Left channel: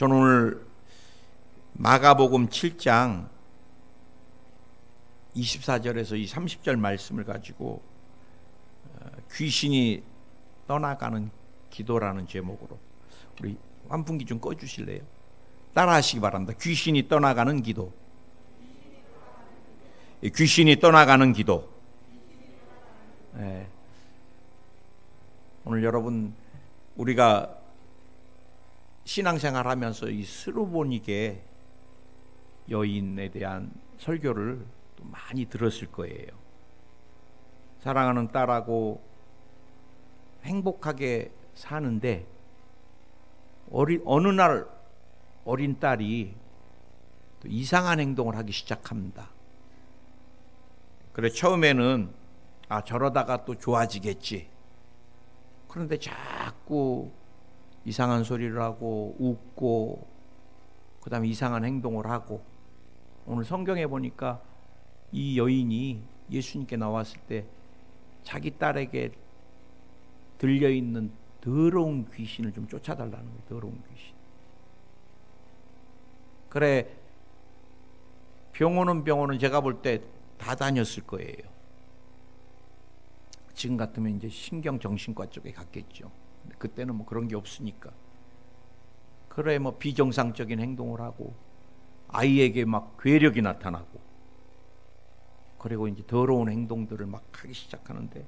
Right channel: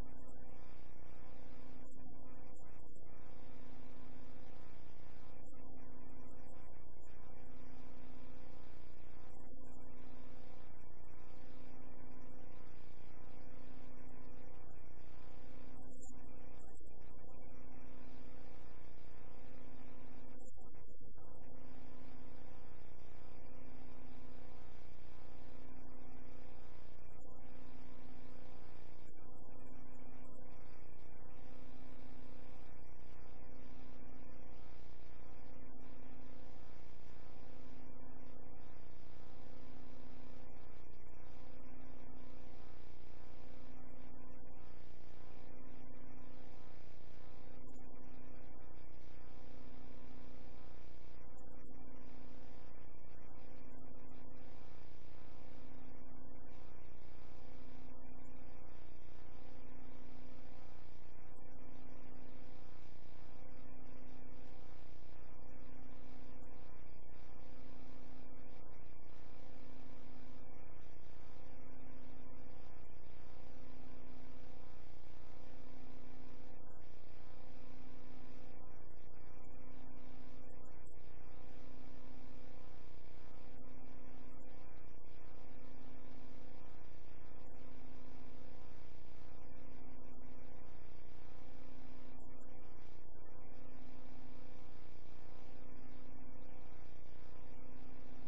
저는 오늘 마가복음 7장 24절에서 이 30절 말씀을 가지고 귀신이 떠나가는 기도라는 제목으로 우리 환풍기 좀 꺼주실래요? 따라하시기 바랍니다. 귀신이 떠나가는 기도. 귀신이 떠나가는 기도. 네. 오늘 여러분 우리가 신앙생활 하면서 이 스루보니게 여인에 대한 설교를 또 많이 들었을 거예요. 사랑하는 딸하고 행복하게 사는데 어느 날 어린 딸이 또 이상한 행동을 하기 시작합니다. 그래 처음에는 저러다가 또 좋아지겠지. 그런데 자꾸 이상한 소리를 하고 웃고 그 다음에 이상한 행동을 하고, 오늘 성경에 보니까 이 여인이 예수님께 나왔을 때 자기 딸에게 들려있는 더러운 귀신을 좀 쫓아달라는 거예요. 더러운 귀신. 그래 병원은 제가 볼 때 다 다녔을 거예요. 지금 같으면 이제 신경정신과 쪽에 갔겠죠. 그때는 뭐 그런 게 없으니까. 그래 뭐 비정상적인 행동을 하고 아이에게 막 괴력이 나타나고, 그리고 이제 더러운 행동들을 막 하기 시작하는데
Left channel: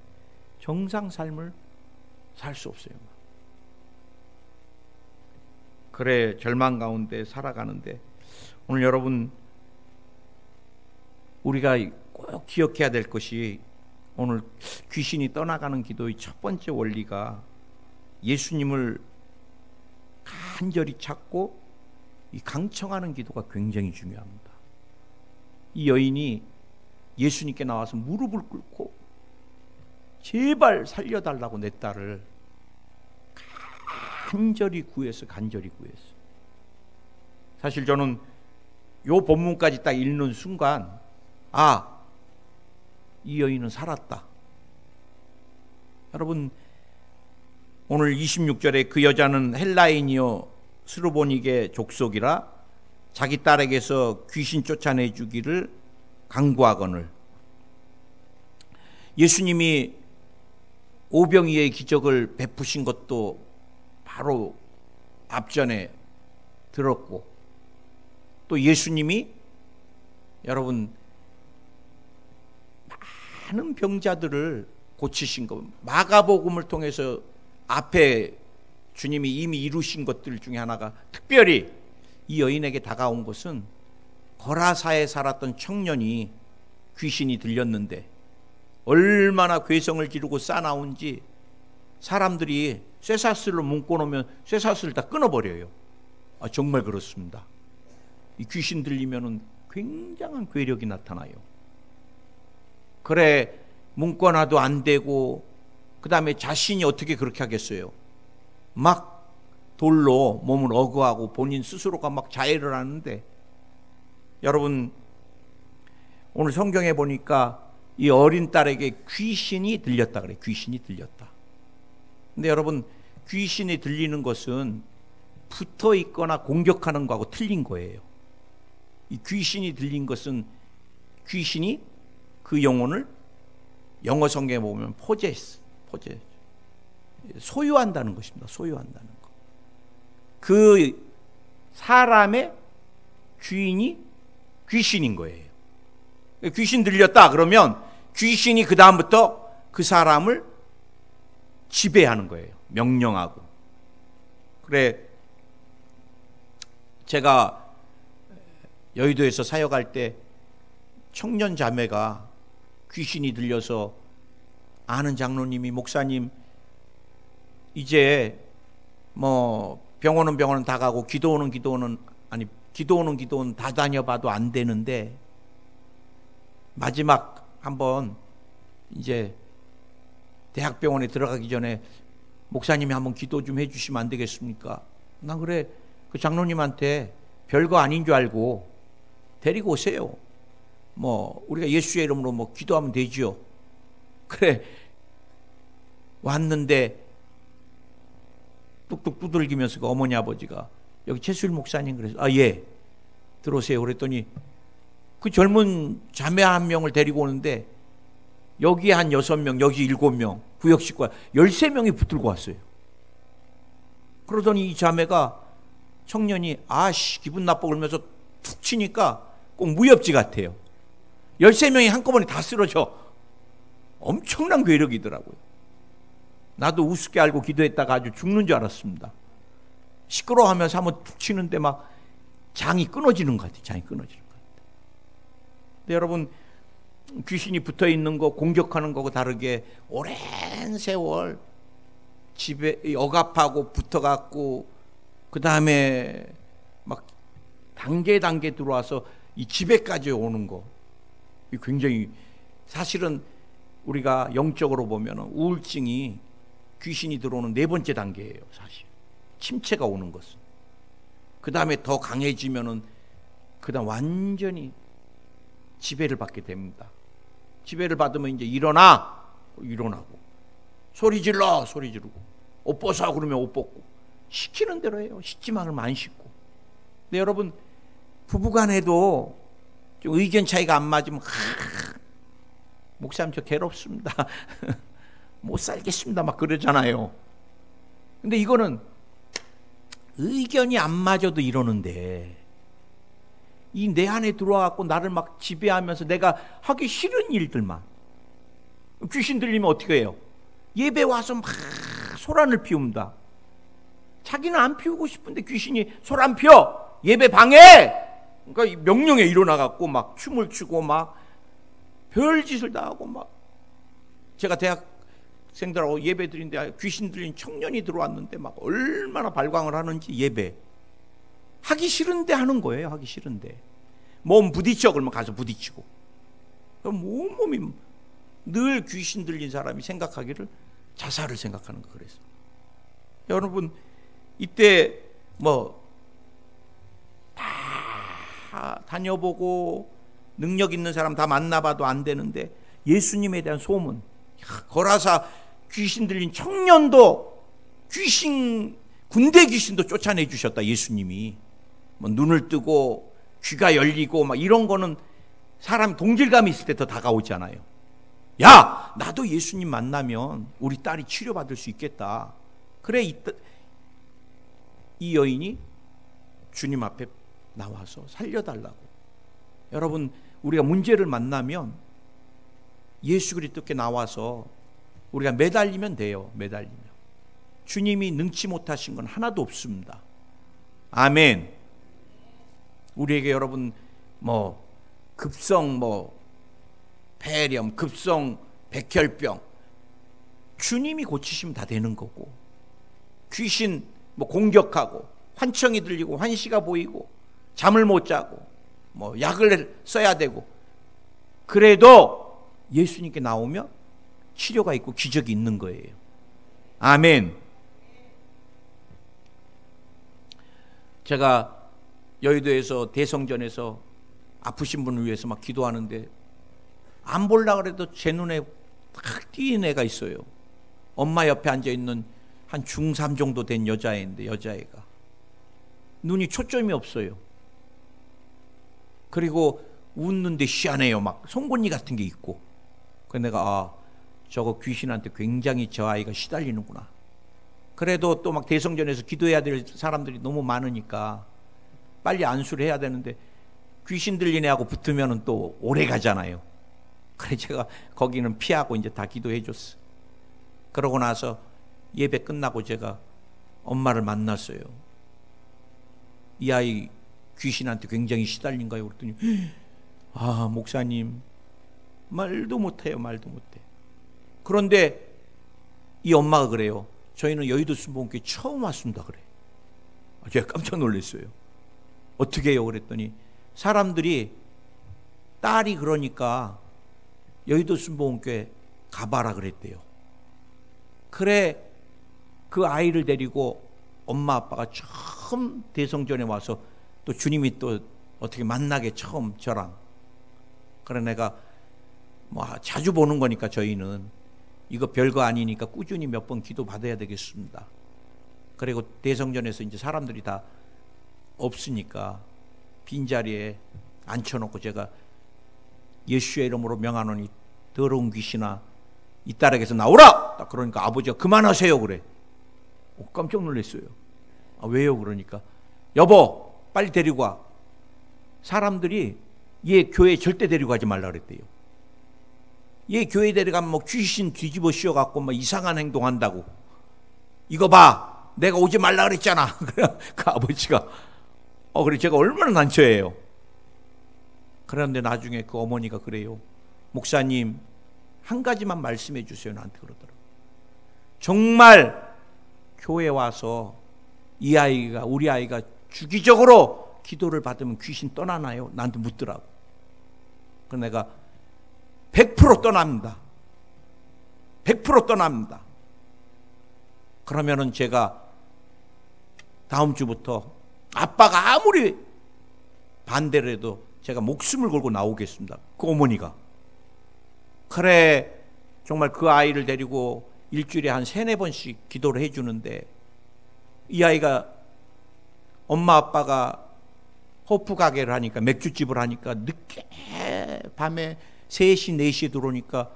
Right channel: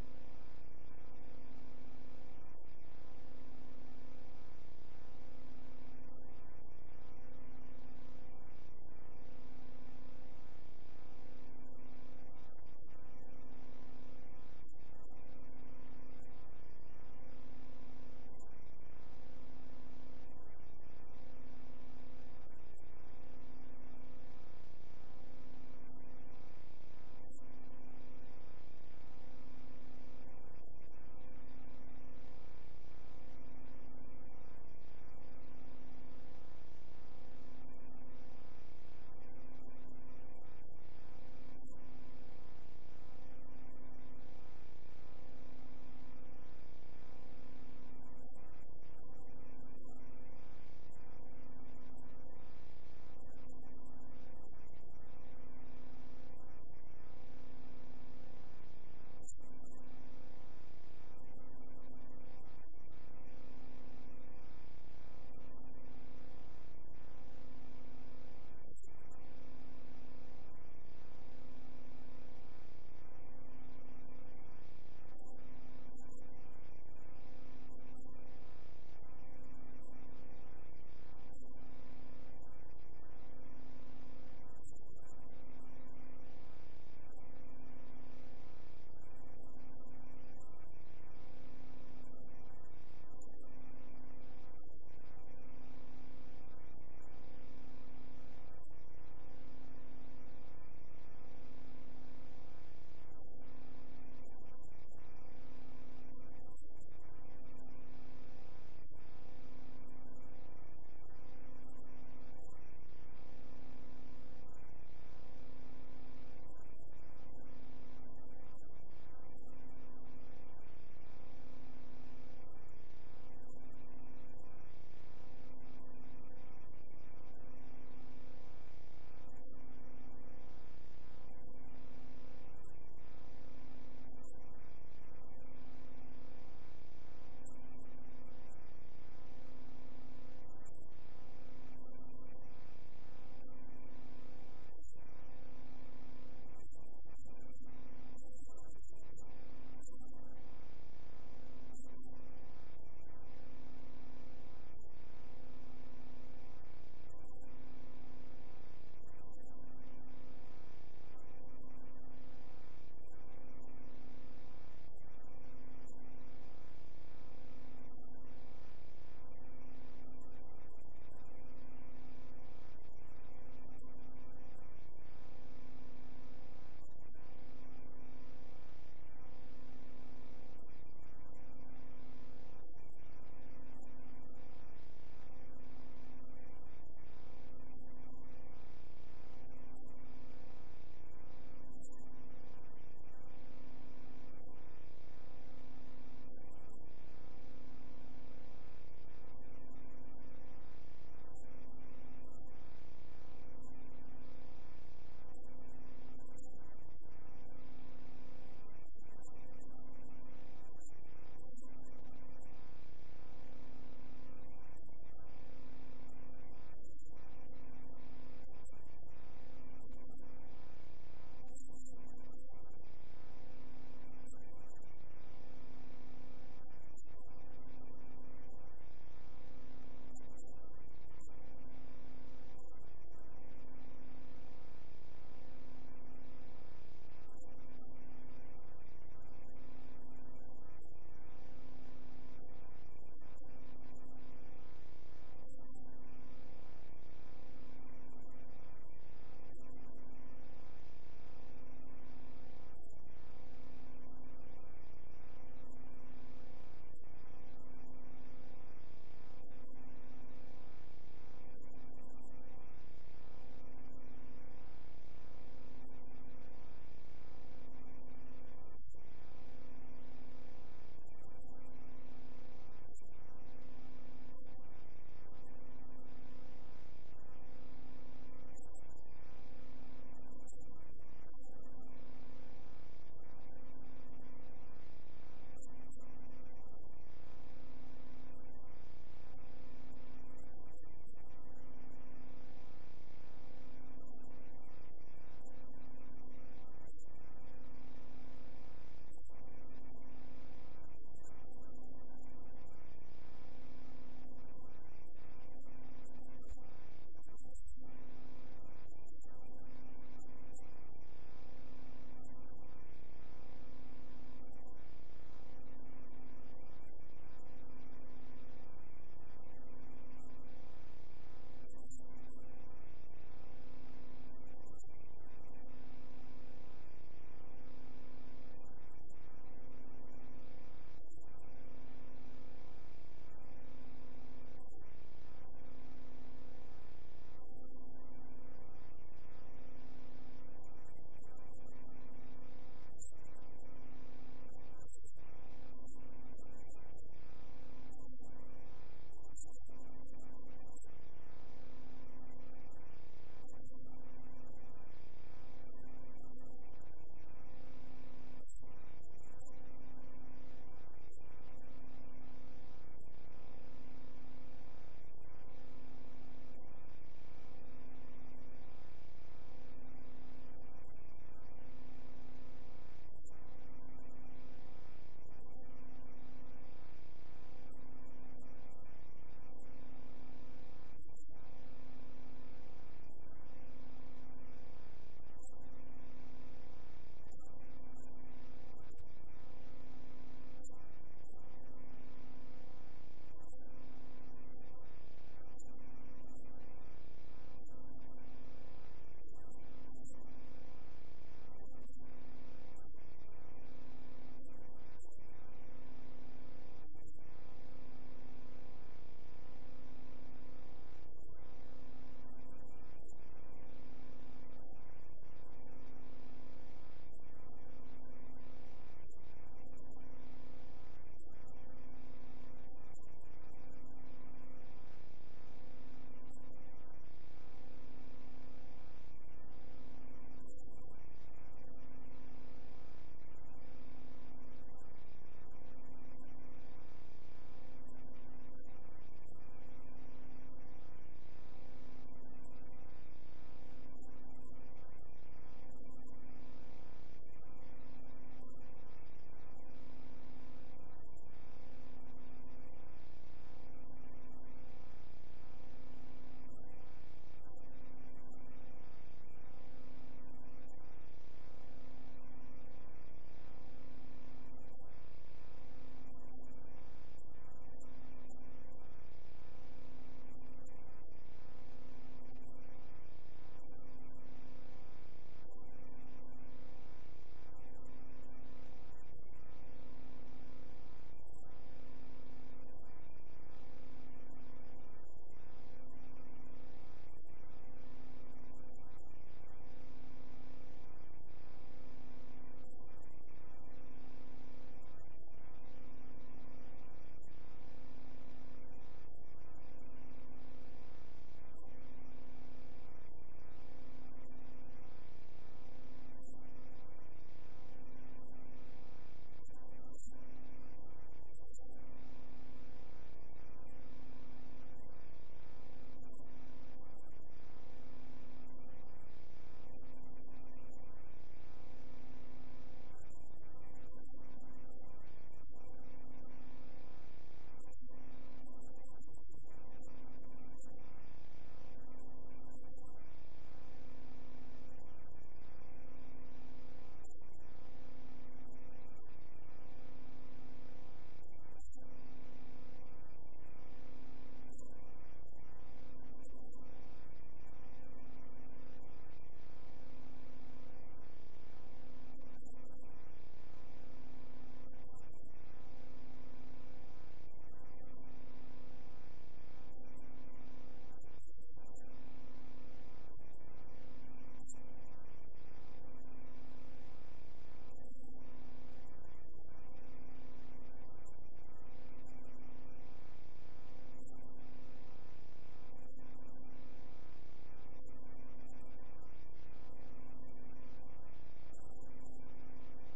정상 삶을 살 수 없어요. 그래 절망 가운데 살아가는데, 오늘 여러분 우리가 꼭 기억해야 될 것이, 오늘 귀신이 떠나가는 기도의 첫 번째 원리가 예수님을 간절히 찾고 이 강청하는 기도가 굉장히 중요합니다. 이 여인이 예수님께 나와서 무릎을 꿇고 제발 살려달라고 내 딸을 간절히 구해서 사실 저는 요 본문까지 딱 읽는 순간 이 여인은 살았다. 여러분 오늘 26절에 그 여자는 헬라인이요 스루보니게 족속이라 자기 딸에게서 귀신 쫓아내 주기를 간구하거늘, 예수님이 오병이의 기적을 베푸신 것도 바로 앞전에 들었고, 또 예수님이 여러분 많은 병자들을 고치신 것, 마가복음을 통해서 앞에 주님이 이미 이루신 것들 중에 하나가, 특별히 이 여인에게 다가온 것은 거라사에 살았던 청년이 귀신이 들렸는데 얼마나 괴성을 지르고 싸나운지 사람들이 쇠사슬로 묶어놓으면 쇠사슬을 다 끊어버려요. 정말 그렇습니다. 이 귀신 들리면은 굉장한 괴력이 나타나요. 그래 묶어놔도 안 되고, 그 다음에 자신이 어떻게 그렇게 하겠어요? 막 돌로 몸을 어거하고 본인 스스로가 막 자해를 하는데, 여러분 오늘 성경에 보니까 이 어린 딸에게 귀신이 들렸다 그래. 귀신이 들렸다. 근데 여러분 귀신이 들리는 것은 붙어 있거나 공격하는 거하고 틀린 거예요. 이 귀신이 들린 것은 귀신이 그 영혼을 영어 성경에 보면 포제스 소유한다는 것입니다. 소유한다는 것. 그 사람의 주인이 귀신인 거예요. 귀신 들렸다 그러면 귀신이 그 다음부터 그 사람을 지배하는 거예요. 명령하고. 그래 제가 여의도에서 사역할 때 청년 자매가 귀신이 들려서 아는 장로님이, 목사님 이제 뭐 병원은 다 가고 기도원은 다 다녀봐도 안 되는데 마지막 한번 이제 대학병원에 들어가기 전에 목사님이 한번 기도 좀 해주시면 안 되겠습니까? 난 그래 그 장로님한테 별거 아닌 줄 알고 데리고 오세요. 뭐 우리가 예수의 이름으로 뭐 기도하면 되죠. 그래 왔는데 뚝뚝 두들기면서 그 어머니 아버지가 여기 최수일 목사님 그래서 예 들어오세요. 그랬더니 그 젊은 자매 한 명을 데리고 오는데 여기 한 6명, 여기 7명, 구역 식구가 13명이 붙들고 왔어요. 그러더니 이 자매가 청년이 기분 나빠 그러면서 툭 치니까 꼭 무협지 같아요. 13명이 한꺼번에 다 쓰러져. 엄청난 괴력이더라고요. 나도 우습게 알고 기도했다가 아주 죽는 줄 알았습니다. 시끄러워하면서 한번 툭 치는데 막 장이 끊어지는 것 같아요. 장이 끊어지는 것 같아요. 근데 여러분, 귀신이 붙어있는 거, 공격하는 거하고 다르게 오랜 세월 집에 억압하고 붙어갖고 그 다음에 막 단계 들어와서 이 집에까지 오는 거, 굉장히 사실은 우리가 영적으로 보면 우울증이 귀신이 들어오는 4번째 단계예요. 사실 침체가 오는 것은. 그 다음에 더 강해지면은 그 다음 완전히 지배를 받게 됩니다. 지배를 받으면 이제 일어나고 소리 지르고 옷 벗어 그러면 옷 벗고 시키는 대로 해요. 씻지만은 안 씻고. 근데 여러분, 부부간에도 좀 의견 차이가 안 맞으면 목사님 저 괴롭습니다. 못 살겠습니다 막 그러잖아요. 근데 이거는 의견이 안 맞아도 이러는데 이 내 안에 들어와갖고 나를 막 지배하면서 내가 하기 싫은 일들만, 귀신 들리면 어떻게 해요? 예배 와서 막 소란을 피웁니다. 자기는 안 피우고 싶은데 귀신이 소란 피워, 예배 방해. 그러니까 명령에 일어나갖고 막 춤을 추고 막 별짓을 다 하고 막. 제가 대학생들하고 예배 드린데 귀신 들린 청년이 들어왔는데 막 얼마나 발광을 하는지, 예배 하기 싫은데 하는 거예요. 하기 싫은데 몸 부딪혀 그러면 가서 부딪히고. 그럼 온몸이 늘 귀신 들린 사람이 생각하기를 자살을 생각하는 거. 그래서 여러분, 이때 뭐 다 다녀보고 능력 있는 사람 다 만나봐도 안 되는데 예수님에 대한 소문, 거라사 귀신 들린 청년도 군대 귀신도 쫓아내 주셨다. 예수님이 뭐 눈을 뜨고 귀가 열리고 막 이런 거는 사람 동질감이 있을 때 더 다가오잖아요. 야, 나도 예수님 만나면 우리 딸이 치료받을 수 있겠다. 그래, 이 여인이 주님 앞에 나와서 살려달라고. 여러분, 우리가 문제를 만나면 예수 그리스도께 나와서 우리가 매달리면 돼요. 매달리면 주님이 능치 못하신 건 하나도 없습니다. 아멘. 우리에게 여러분 급성 폐렴, 급성 백혈병 주님이 고치시면 다 되는 거고, 귀신 공격하고 환청이 들리고 환시가 보이고 잠을 못 자고 약을 써야 되고, 그래도 예수님께 나오면 치료가 있고 기적이 있는 거예요. 아멘. 제가 여의도에서 대성전에서 아프신 분을 위해서 막 기도하는데 안 보려고 해도 제 눈에 탁 띄는 애가 있어요. 엄마 옆에 앉아있는 한 중3 정도 된 여자애인데, 여자애가 눈이 초점이 없어요. 그리고 웃는데 희한해요. 막 송곳니 같은 게 있고. 그래서 내가 저거 귀신한테 굉장히 저 아이가 시달리는구나. 그래도 또 막 대성전에서 기도해야 될 사람들이 너무 많으니까 빨리 안수를 해야 되는데 귀신 들린 애하고 붙으면 또 오래 가잖아요. 그래 제가 거기는 피하고 이제 다 기도해 줬어. 그러고 나서 예배 끝나고 제가 엄마를 만났어요. 이 아이 귀신한테 굉장히 시달린 거예요. 그랬더니 목사님 말도 못해요. 말도 못해. 그런데 이 엄마가 그래요. 저희는 여의도 순복음교회 처음 왔습니다. 그래. 제가 깜짝 놀랐어요. 어떻게 해요? 그랬더니 사람들이 딸이 그러니까 여의도 순복음교회 가봐라 그랬대요. 그래, 그 아이를 데리고 엄마 아빠가 처음 대성전에 와서 또 주님이 또 어떻게 만나게 처음 저랑. 그래 내가 자주 보는 거니까 저희는 이거 별거 아니니까 꾸준히 몇 번 기도 받아야 되겠습니다. 그리고 대성전에서 이제 사람들이 다 없으니까 빈자리에 앉혀놓고 제가 예수의 이름으로 명하노니 더러운 귀신아 이 딸에게서 나오라! 딱 그러니까 아버지가 그만하세요 그래. 깜짝 놀랐어요. 왜요? 그러니까 여보 빨리 데리고 와. 사람들이 얘 교회 절대 데리고 가지 말라 그랬대요. 얘 교회 데려가면 뭐 귀신 뒤집어 씌워갖고 막 이상한 행동한다고. 이거 봐 내가 오지 말라 그랬잖아. 그 아버지가 그래 제가 얼마나 난처해요. 그런데 나중에 그 어머니가 그래요. 목사님 한 가지만 말씀해 주세요. 나한테 그러더라고요. 정말 교회 와서 이 아이가 우리 아이가 주기적으로 기도를 받으면 귀신 떠나나요? 나한테 묻더라고. 그래서 내가 100% 떠납니다. 100% 떠납니다. 그러면은 제가 다음 주부터 아빠가 아무리 반대를 해도 제가 목숨을 걸고 나오겠습니다. 그 어머니가. 그래 정말 그 아이를 데리고 일주일에 한 3-4번씩 기도를 해주는데 이 아이가 엄마 아빠가 호프 가게를 하니까 맥주집을 하니까 늦게 밤에 3시 4시에 들어오니까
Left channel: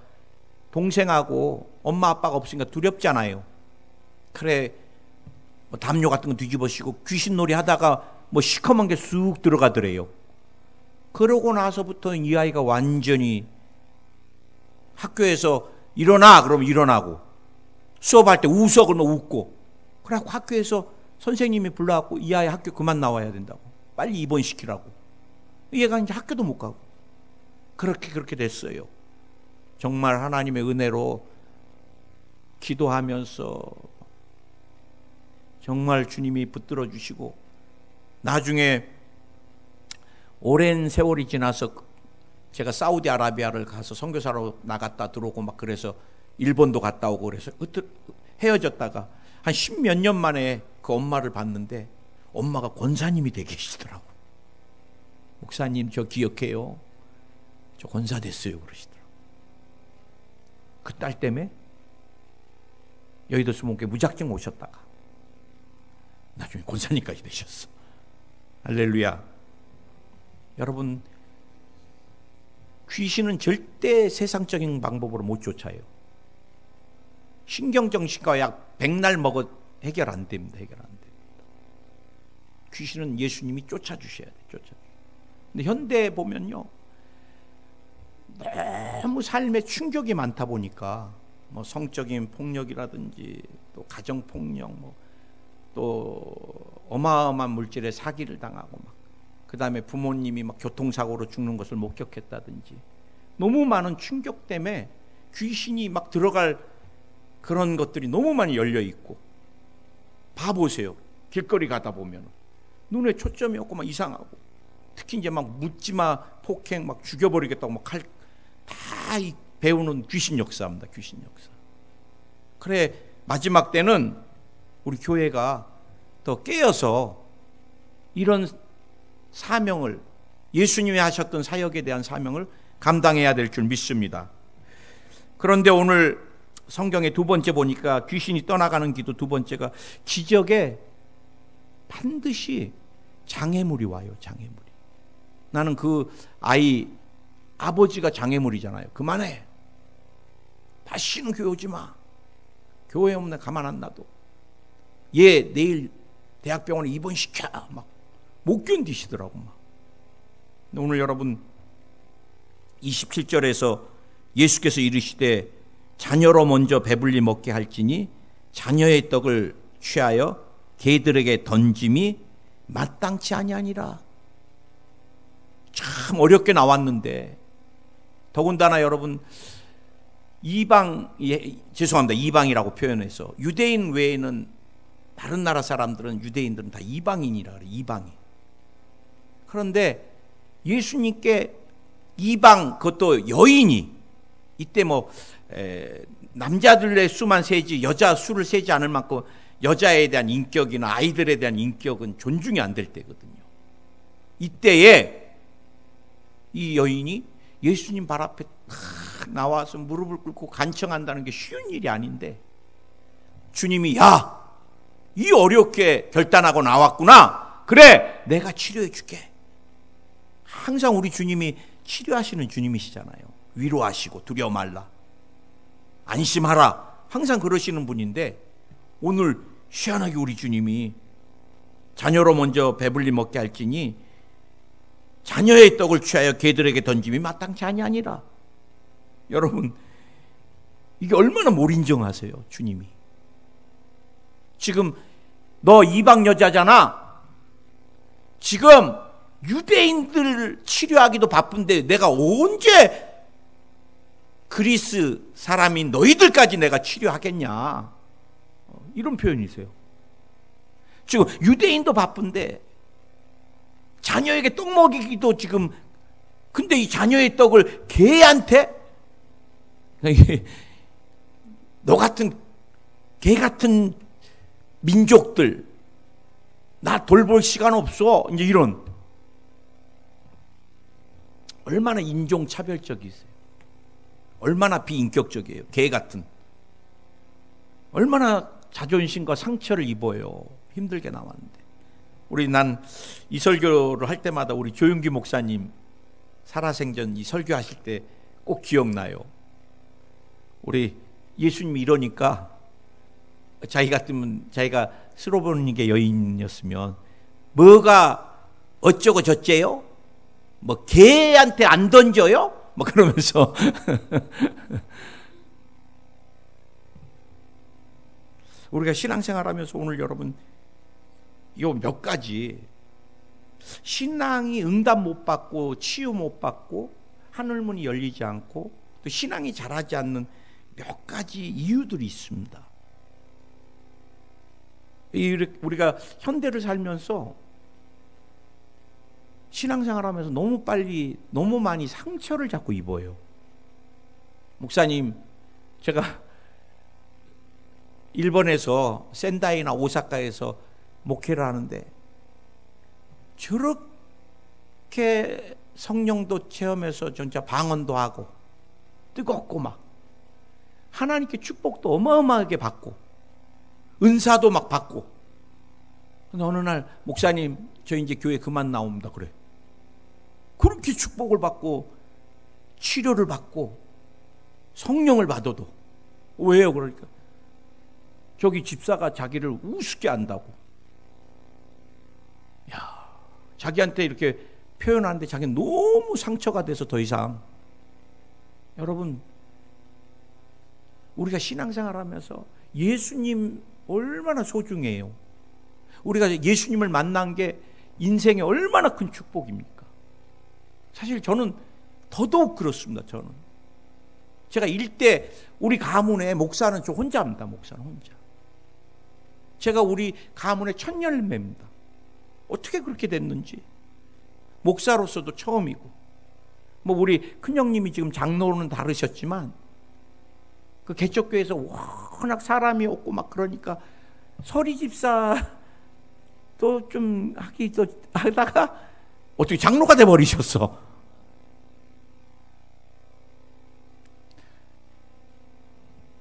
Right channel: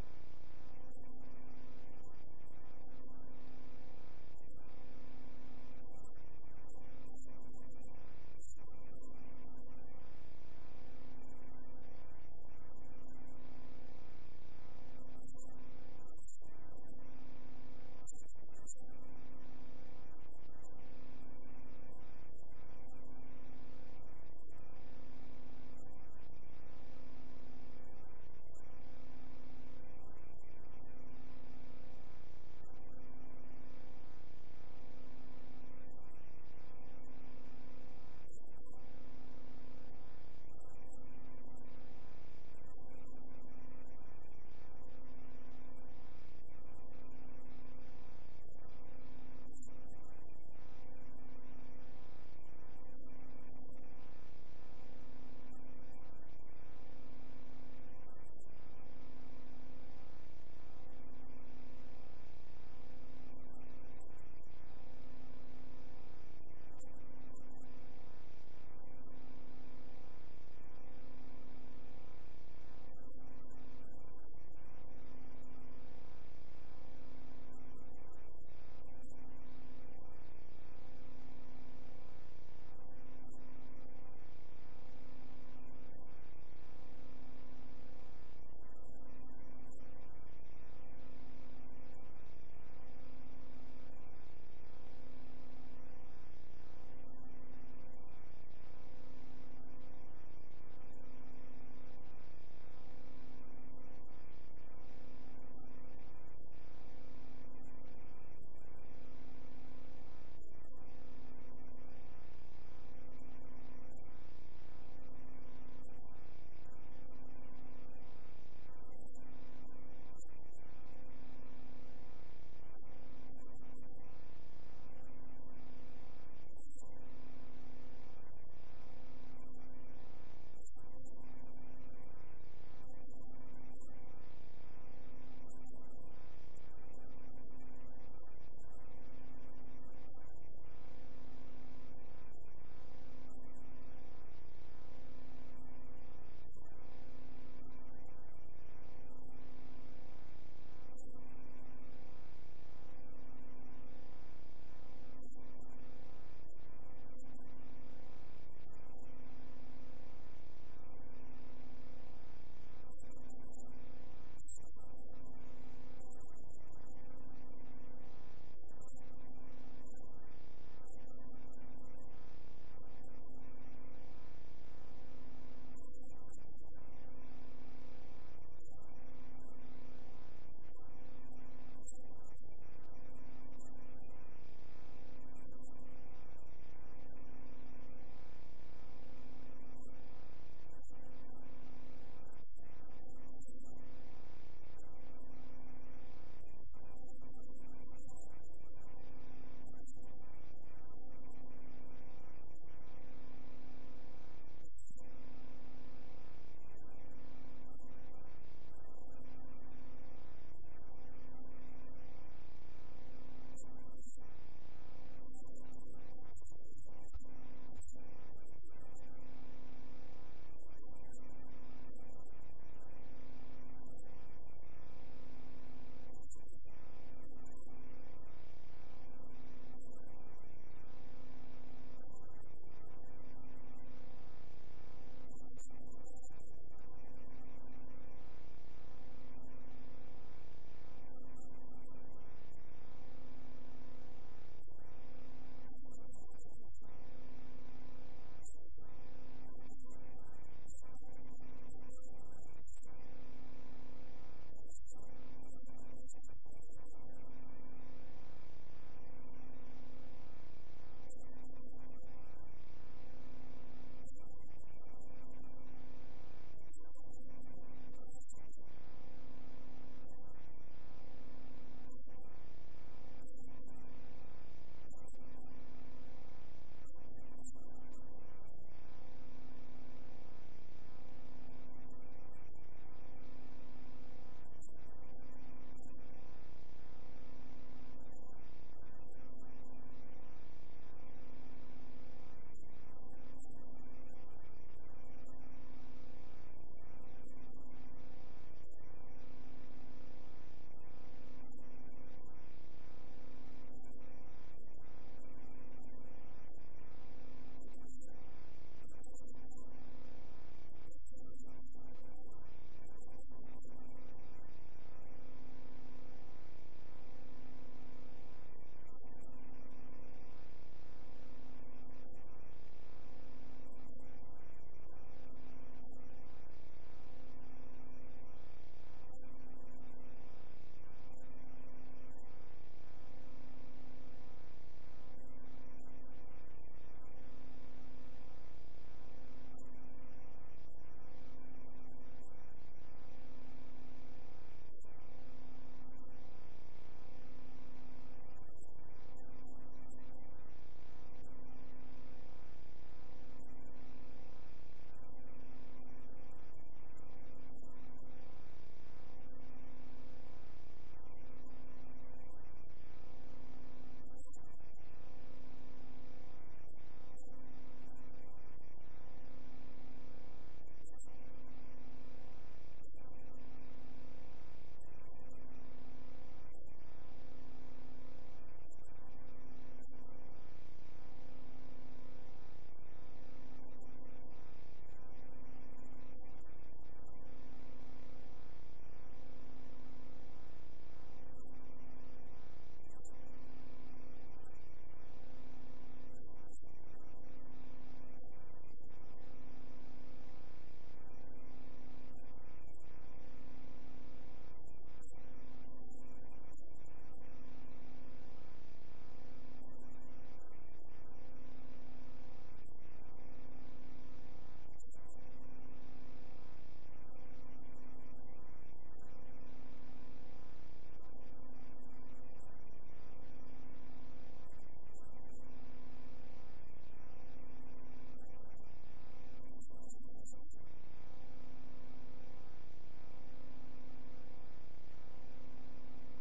동생하고 엄마 아빠가 없으니까 두렵잖아요. 그래 뭐 담요 같은 거 뒤집어 씌고 귀신놀이 하다가 뭐 시커먼 게 쑥 들어가더래요. 그러고 나서부터 이 아이가 완전히 학교에서 일어나 그러면 일어나고 수업할 때 웃어 그러면 웃고 그래갖고 학교에서 선생님이 불러갖고 이 아이 학교 그만 나와야 된다고 빨리 입원시키라고. 얘가 이제 학교도 못 가고 그렇게 됐어요. 정말 하나님의 은혜로 기도하면서 정말 주님이 붙들어 주시고 나중에 오랜 세월이 지나서 제가 사우디아라비아를 가서 선교사로 나갔다 들어오고 막 그래서 일본도 갔다 오고 그래서 헤어졌다가 한 10몇 년 만에 그 엄마를 봤는데 엄마가 권사님이 돼 계시더라고. 목사님 저 기억해요. 저 권사 됐어요 그러시더라고. 그 딸 때문에 여의도 수목교회 무작정 오셨다가 나중에 권사님까지 되셨어. 할렐루야. 여러분 귀신은 절대 세상적인 방법으로 못 쫓아요. 신경정신과 약 100날 먹어 해결 안 됩니다. 해결 안 됩니다. 귀신은 예수님이 쫓아주셔야 돼요. 근데 현대에 보면요 너무 삶에 충격이 많다 보니까 뭐 성적인 폭력이라든지 또 가정폭력 또 어마어마한 물질의 사기를 당하고 막 그 다음에 부모님이 막 교통사고로 죽는 것을 목격했다든지 너무 많은 충격 때문에 귀신이 막 들어갈 그런 것들이 너무 많이 열려 있고 봐보세요. 길거리 가다 보면 눈에 초점이 없고 막 이상하고 특히 이제 막 묻지마 폭행 막 죽여버리겠다고 막 칼 다 배우는 귀신 역사입니다. 귀신 역사. 그래 마지막 때는 우리 교회가 더 깨어서 이런 사명을 예수님이 하셨던 사역에 대한 사명을 감당해야 될 줄 믿습니다. 그런데 오늘 성경의 두 번째 보니까 귀신이 떠나가는 기도 두 번째가 기적에 반드시 장애물이 와요. 장애물이. 나는 그 아이 아버지가 장애물이잖아요. 그만해. 다시는 교회 오지 마. 교회 오면 나 가만 안 놔둬. 얘 내일 대학병원에 입원시켜. 막 못 견디시더라고. 막. 오늘 여러분 27절에서 예수께서 이르시되 자녀로 먼저 배불리 먹게 할지니 자녀의 떡을 취하여 개들에게 던짐이 마땅치 아니하니라. 참 어렵게 나왔는데 더군다나 여러분 죄송합니다. 이방이라고 표현해서 유대인 외에는 다른 나라 사람들은 유대인들은 다 이방인이라 그래요. 이방인. 그런데 예수님께 이방 그것도 여인이 이때 뭐 남자들의 수만 세지 여자 수를 세지 않을 만큼 여자에 대한 인격이나 아이들에 대한 인격은 존중이 안 될 때거든요. 이때에 이 여인이 예수님 발 앞에 나와서 무릎을 꿇고 간청한다는 게 쉬운 일이 아닌데 주님이 야, 이 어렵게 결단하고 나왔구나. 그래, 내가 치료해 줄게. 항상 우리 주님이 치료하시는 주님이시잖아요. 위로하시고 두려워 말라, 안심하라, 항상 그러시는 분인데 오늘 희한하게 우리 주님이 자녀로 먼저 배불리 먹게 할지니 자녀의 떡을 취하여 개들에게 던짐이 마땅치 아니하니라. 여러분, 이게 얼마나 못 인정하세요, 주님이. 지금 너 이방 여자잖아. 지금 유대인들 치료하기도 바쁜데 내가 언제 그리스 사람인 너희들까지 내가 치료하겠냐, 이런 표현이세요. 지금 유대인도 바쁜데 자녀에게 떡 먹이기도 지금, 근데 이 자녀의 떡을 개한테, 너 같은 개 같은 민족들 나 돌볼 시간 없어, 이제 이런, 얼마나 인종차별적이세요. 얼마나 비인격적이에요. 개 같은, 얼마나 자존심과 상처를 입어요. 힘들게 나왔는데. 난 이 설교를 할 때마다 우리 조윤기 목사님 살아생전 이 설교하실 때 꼭 기억나요. 우리 예수님이 이러니까 자기 같으면, 자기가 스로보니게 여인이었으면 뭐가 어쩌고 저쩌요? 뭐 개한테 안 던져요? 뭐 그러면서 우리가 신앙생활하면서 오늘 여러분 요 몇 가지, 신앙이 응답 못 받고 치유 못 받고 하늘문이 열리지 않고 또 신앙이 자라지 않는 몇 가지 이유들이 있습니다. 우리가 현대를 살면서 신앙생활하면서 너무 빨리 너무 많이 상처를 자꾸 입어요. 목사님, 제가 일본에서 센다이나 오사카에서 목회를 하는데 저렇게 성령도 체험해서 진짜 방언도 하고 뜨겁고 막 하나님께 축복도 어마어마하게 받고 은사도 막 받고, 근데 어느 날 목사님 저 이제 교회 그만 나옵니다. 그래. 그렇게 축복을 받고 치료를 받고 성령을 받아도 왜요? 그러니까 저기 집사가 자기를 우습게 안다고. 야, 자기한테 이렇게 표현하는데 자기는 너무 상처가 돼서 더 이상. 여러분, 우리가 신앙생활하면서 예수님 얼마나 소중해요. 우리가 예수님을 만난 게 인생에 얼마나 큰 축복입니까? 사실 저는 더더욱 그렇습니다. 제가 일대 우리 가문에 목사는 저 혼자입니다. 목사는 혼자. 제가 우리 가문의 첫 열매입니다. 어떻게 그렇게 됐는지. 목사로서도 처음이고, 뭐 우리 큰형님이 지금 장로는 다르셨지만 그 개척교회에서 워낙 사람이 없고 막 그러니까 서리 집사도 좀 하기도 하다가 어떻게 장로가 돼 버리셨어.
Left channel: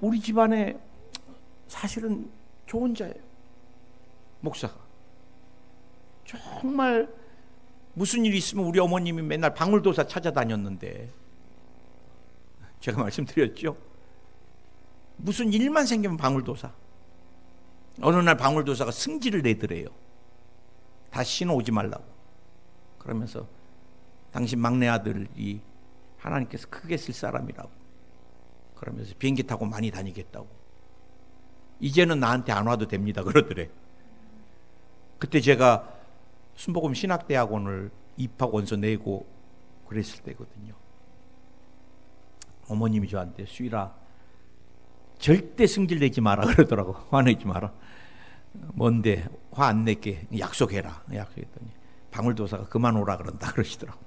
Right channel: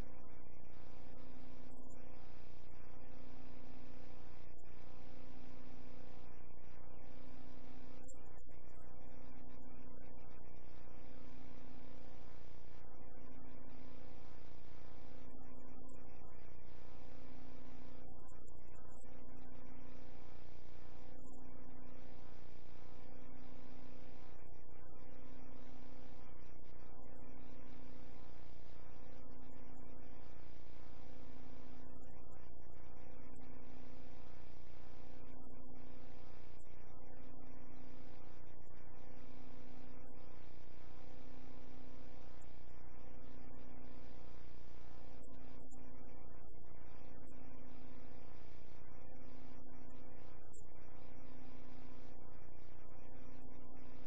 우리 집안에 사실은 저 혼자예요. 목사가 정말 무슨 일이 있으면 우리 어머님이 맨날 방울도사 찾아다녔는데, 제가 말씀드렸죠. 무슨 일만 생기면 방울도사. 어느 날 방울도사가 승질을 내더래요. 다시는 오지 말라고. 그러면서 당신 막내 아들이 하나님께서 크게 쓸 사람이라고. 그러면서 비행기 타고 많이 다니겠다고. 이제는 나한테 안 와도 됩니다. 그러더래. 그때 제가 순복음 신학대학원을 입학 원서 내고 그랬을 때거든요. 어머님이 저한테 수일아 절대 승질 내지 마라 그러더라고. 화내지 마라. 뭔데 화 안 낼게 약속해라. 약속했더니 방울도사가 그만 오라 그런다 그러시더라고.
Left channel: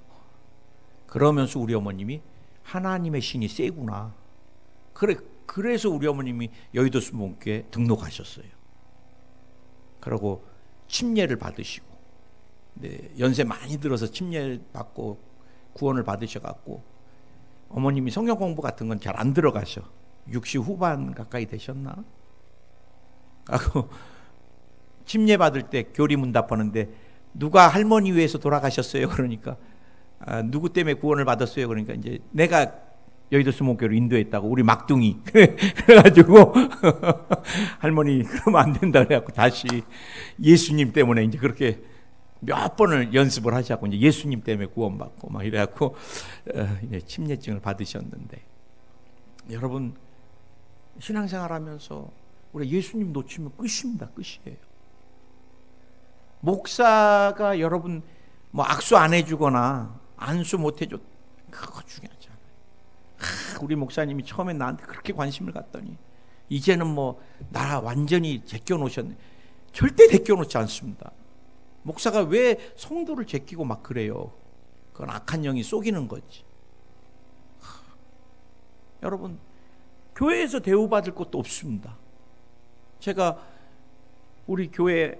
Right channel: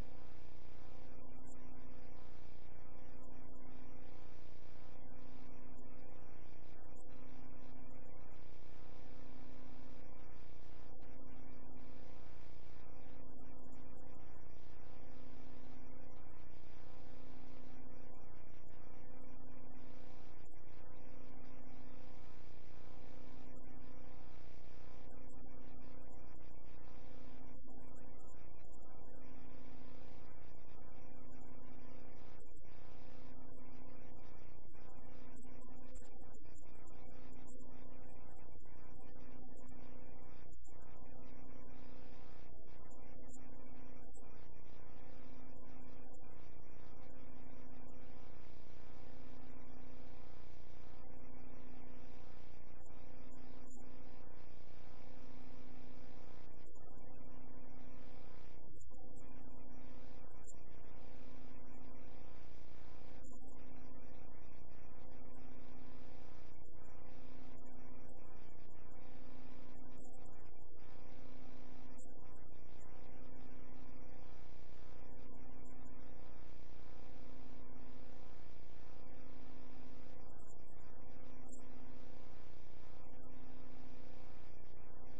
그러면서 우리 어머님이 하나님의 신이 세구나. 그래서 우리 어머님이 여의도 순복음교회 등록하셨어요. 그리고 침례를 받으시고, 네, 연세 많이 들어서 침례 받고 구원을 받으셔갖고 어머님이 성경 공부 같은 건 잘 안 들어가셔. 60 후반 가까이 되셨나? 하고 침례 받을 때 교리 문답하는데 누가 할머니 위해서 돌아가셨어요. 그러니까 누구 때문에 구원을 받았어요. 그러니까 이제 내가 여의도 수목교로 인도했다고, 우리 막둥이. 그래가지고 할머니 그러면 안 된다 그래갖고 다시 예수님 때문에 이제 그렇게 몇 번을 연습을 하자고, 이제 예수님 때문에 구원받고 막 이래갖고 이제 침례증을 받으셨는데, 여러분 신앙생활하면서 우리 예수님 놓치면 끝입니다. 끝이에요. 목사가 여러분 뭐 악수 안 해주거나 안수 못 해줘, 그거 중요하지 않아요. 우리 목사님이 처음에 나한테 그렇게 관심을 갖더니 이제는 뭐 나 완전히 제껴 놓으셨네. 절대 제껴 놓지 않습니다. 목사가 왜 성도를 제끼고 막 그래요? 그건 악한 영이 속이는 거지. 여러분 교회에서 대우받을 것도 없습니다. 제가 우리 교회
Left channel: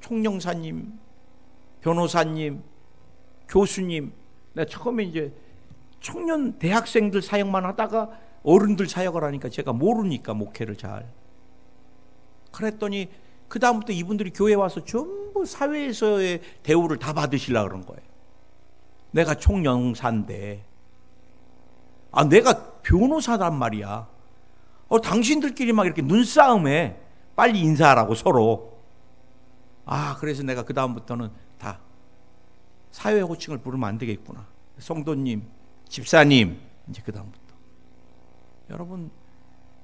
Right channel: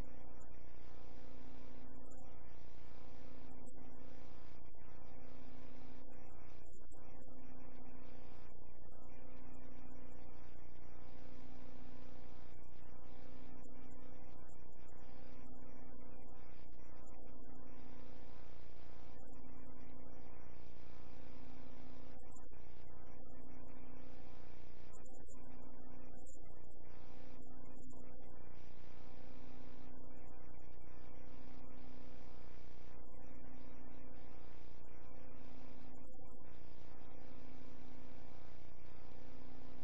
총영사님, 변호사님, 교수님, 내가 처음에 이제 청년 대학생들 사역만 하다가 어른들 사역을 하니까 제가 모르니까 목회를 잘. 그랬더니 그 다음부터 이분들이 교회 와서 전부 사회에서의 대우를 다 받으시려고 그런 거예요. 내가 총영사인데, 내가 변호사란 말이야. 당신들끼리 막 이렇게 눈싸움해. 빨리 인사하라고 서로. 그래서 내가 그 다음부터는 다 사회 호칭을 부르면 안 되겠구나. 성도님, 집사님, 이제 그 다음부터. 여러분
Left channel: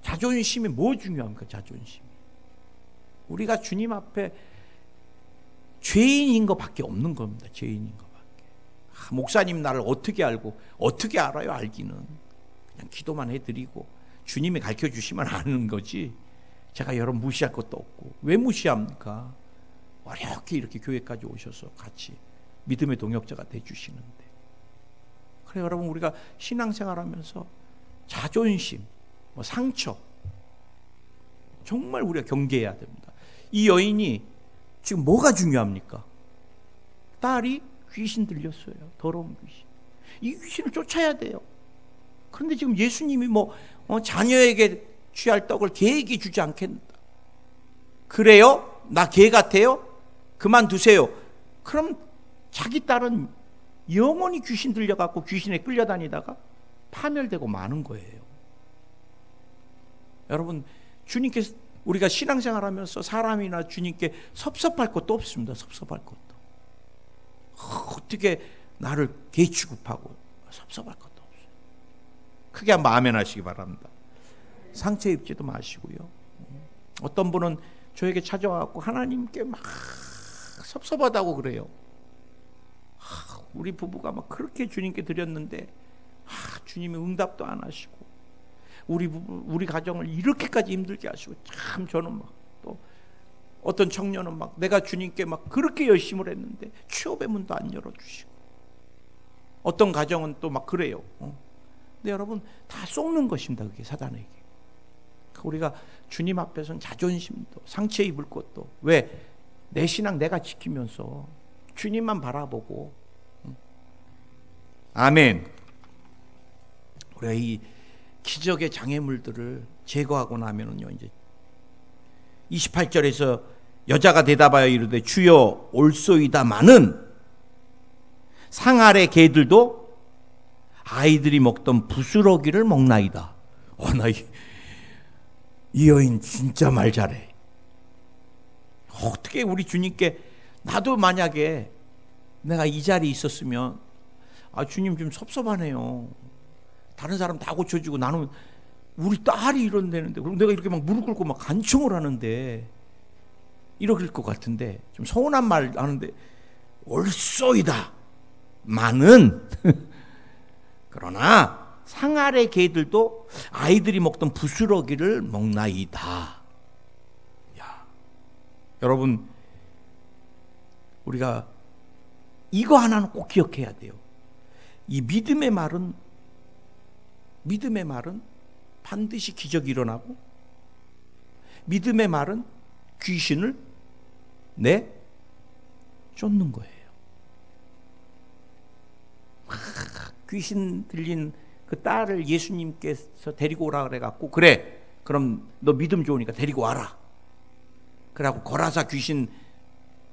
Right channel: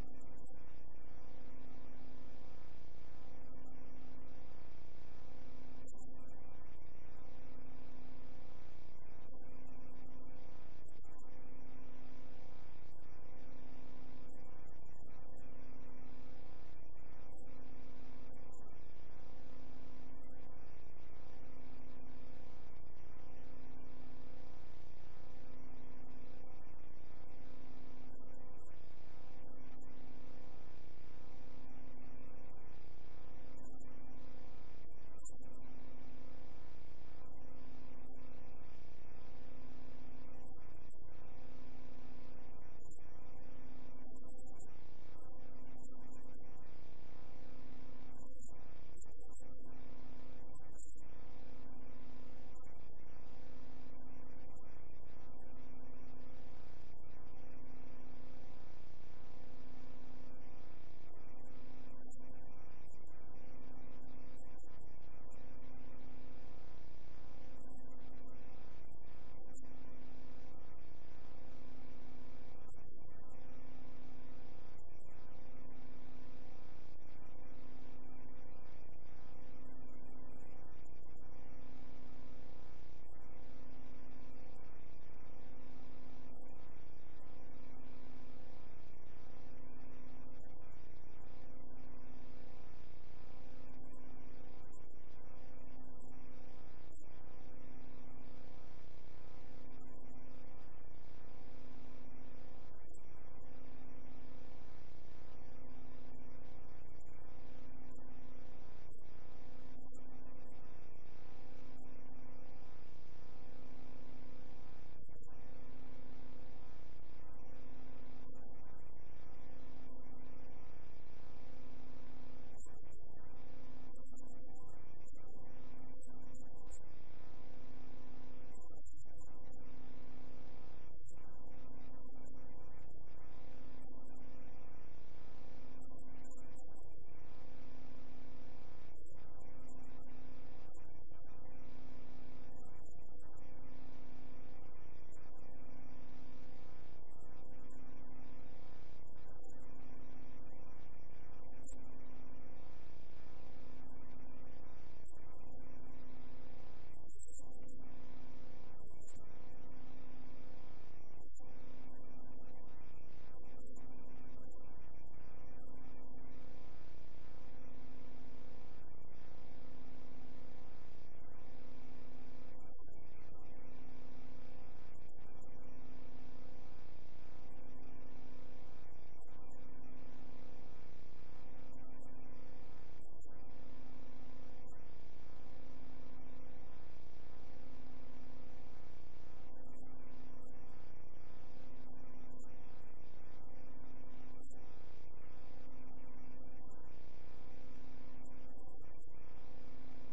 자존심이 뭐 중요합니까? 자존심. 우리가 주님 앞에 죄인인 것밖에 없는 겁니다. 죄인인 것밖에. 목사님 나를 어떻게 알고, 어떻게 알아요? 알기는 그냥 기도만 해드리고 주님이 가르쳐 주시면 아는 거지, 제가 여러분 무시할 것도 없고. 왜 무시합니까? 어렵게 이렇게 교회까지 오셔서 같이 믿음의 동역자가 돼주시는데. 그래 여러분, 우리가 신앙생활하면서 자존심, 상처 정말 우리가 경계해야 됩니다. 이 여인이 지금 뭐가 중요합니까? 딸이 귀신 들렸어요. 더러운 귀신. 이 귀신을 쫓아야 돼요. 그런데 지금 예수님이 자녀에게 취할 떡을 개에게 주지 않겠다. 그래요? 나 개 같아요? 그만두세요. 그럼 자기 딸은 영원히 귀신 들려갖고 귀신에 끌려다니다가 파멸되고 마는 거예요. 여러분 주님께서, 우리가 신앙생활하면서 사람이나 주님께 섭섭할 것도 없습니다. 섭섭할 것도. 어떻게 나를 개 취급하고, 섭섭할 것도 없어요. 크게 한번 아멘 하시기 바랍니다. 상처 입지도 마시고요. 어떤 분은 저에게 찾아와서 하나님께 막 섭섭하다고 그래요. 우리 부부가 막 그렇게 주님께 드렸는데 주님이 응답도 안 하시고, 우리 가정을 이렇게까지 힘들게 하시고. 참 저는 막, 또 어떤 청년은 막 내가 주님께 막 그렇게 열심을 했는데 취업의 문도 안 열어주시고, 어떤 가정은 또 막 그래요. 근데 여러분 다 속는 것입니다. 그게 사단에게. 우리가 주님 앞에서는 자존심도 상처 입을 것도, 왜? 내 신앙 내가 지키면서 주님만 바라보고. 아멘. 우리가 이 기적의 장애물들을 제거하고 나면은요, 이제 28절에서 여자가 대답하여 이르되 주여 올소이다마는 상 아래 개들도 아이들이 먹던 부스러기를 먹나이다. 이 여인 진짜 말 잘해. 어떻게 우리 주님께, 나도 만약에 내가 이 자리에 있었으면 주님 좀 섭섭하네요. 다른 사람 다 고쳐주고 나는 우리 딸이 이런다는데, 그럼 내가 이렇게 막 무릎 꿇고 막 간청을 하는데 이럴 것 같은데, 좀 서운한 말 하는데 올소이다 마는 그러나 상 아래 개들도 아이들이 먹던 부스러기를 먹나이다. 여러분 우리가 이거 하나는 꼭 기억해야 돼요. 이 믿음의 말은 반드시 기적이 일어나고, 믿음의 말은 귀신을 쫓는 거예요. 귀신 들린 그 딸을 예수님께서 데리고 오라 그래갖고, 그래 그럼 너 믿음 좋으니까 데리고 와라. 그래갖고 거라사 귀신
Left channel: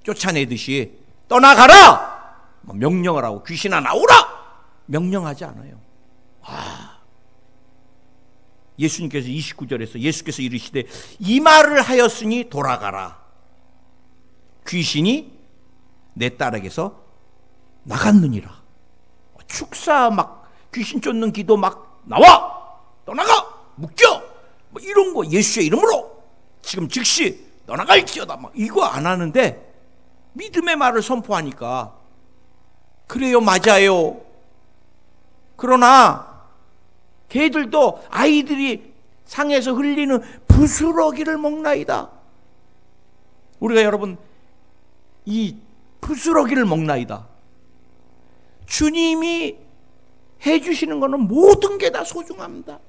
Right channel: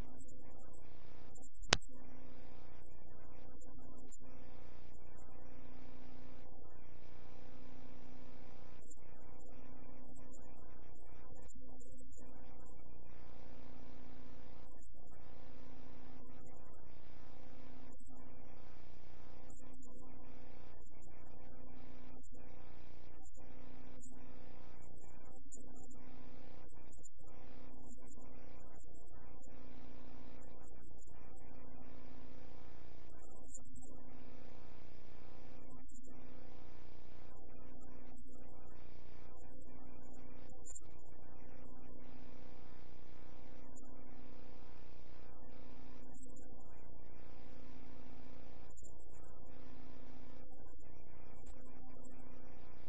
쫓아내듯이 떠나가라 명령을 하고 귀신아 나오라 명령하지 않아요. 예수님께서 29절에서 예수께서 이르시되 이 말을 하였으니 돌아가라. 귀신이 내 딸에게서 나갔느니라. 축사 막 귀신 쫓는 기도 막 나와 떠나가 묶여 뭐 이런 거 예수의 이름으로 지금 즉시 떠나갈지어다 막 이거 안 하는데 믿음의 말을 선포하니까 그래요 맞아요. 그러나 걔들도 아이들이 상에서 흘리는 부스러기를 먹나이다. 우리가 여러분 이 부스러기를 먹나이다. 주님이 해주시는 것은 모든 게 다 소중합니다.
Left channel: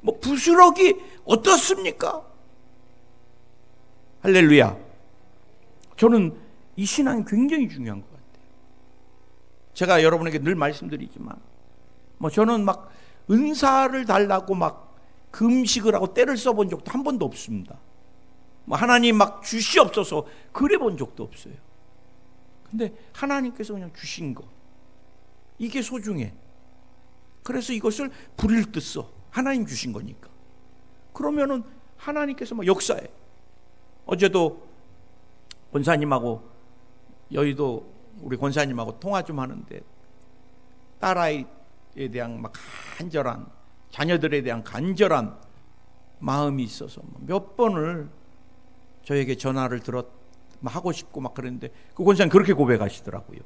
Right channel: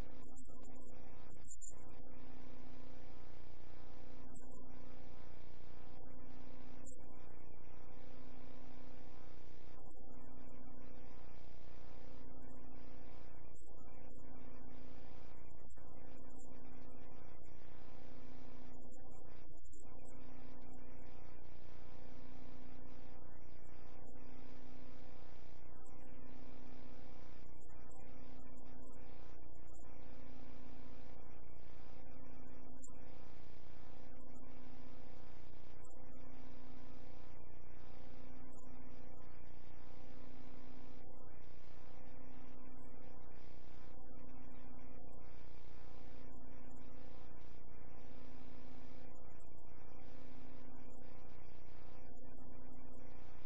뭐 부스러기 어떻습니까? 할렐루야. 저는 이 신앙이 굉장히 중요한 것 같아요. 제가 여러분에게 늘 말씀드리지만 뭐 저는 막 은사를 달라고 막 금식을 하고 때를 써본 적도 한 번도 없습니다. 뭐 하나님 막 주시옵소서 그래 본 적도 없어요. 근데 하나님께서 그냥 주신 거 이게 소중해. 그래서 이것을 부릴 듯 써. 하나님 주신 거니까. 그러면은 하나님께서 막 역사해. 어제도 권사님하고 여의도 우리 권사님하고 통화 좀 하는데 딸아이에 대한 막 간절한 자녀들에 대한 간절한 마음이 있어서 몇 번을 저에게 전화를 하고 싶고 막 그랬는데 그 권사님 그렇게 고백하시더라고요.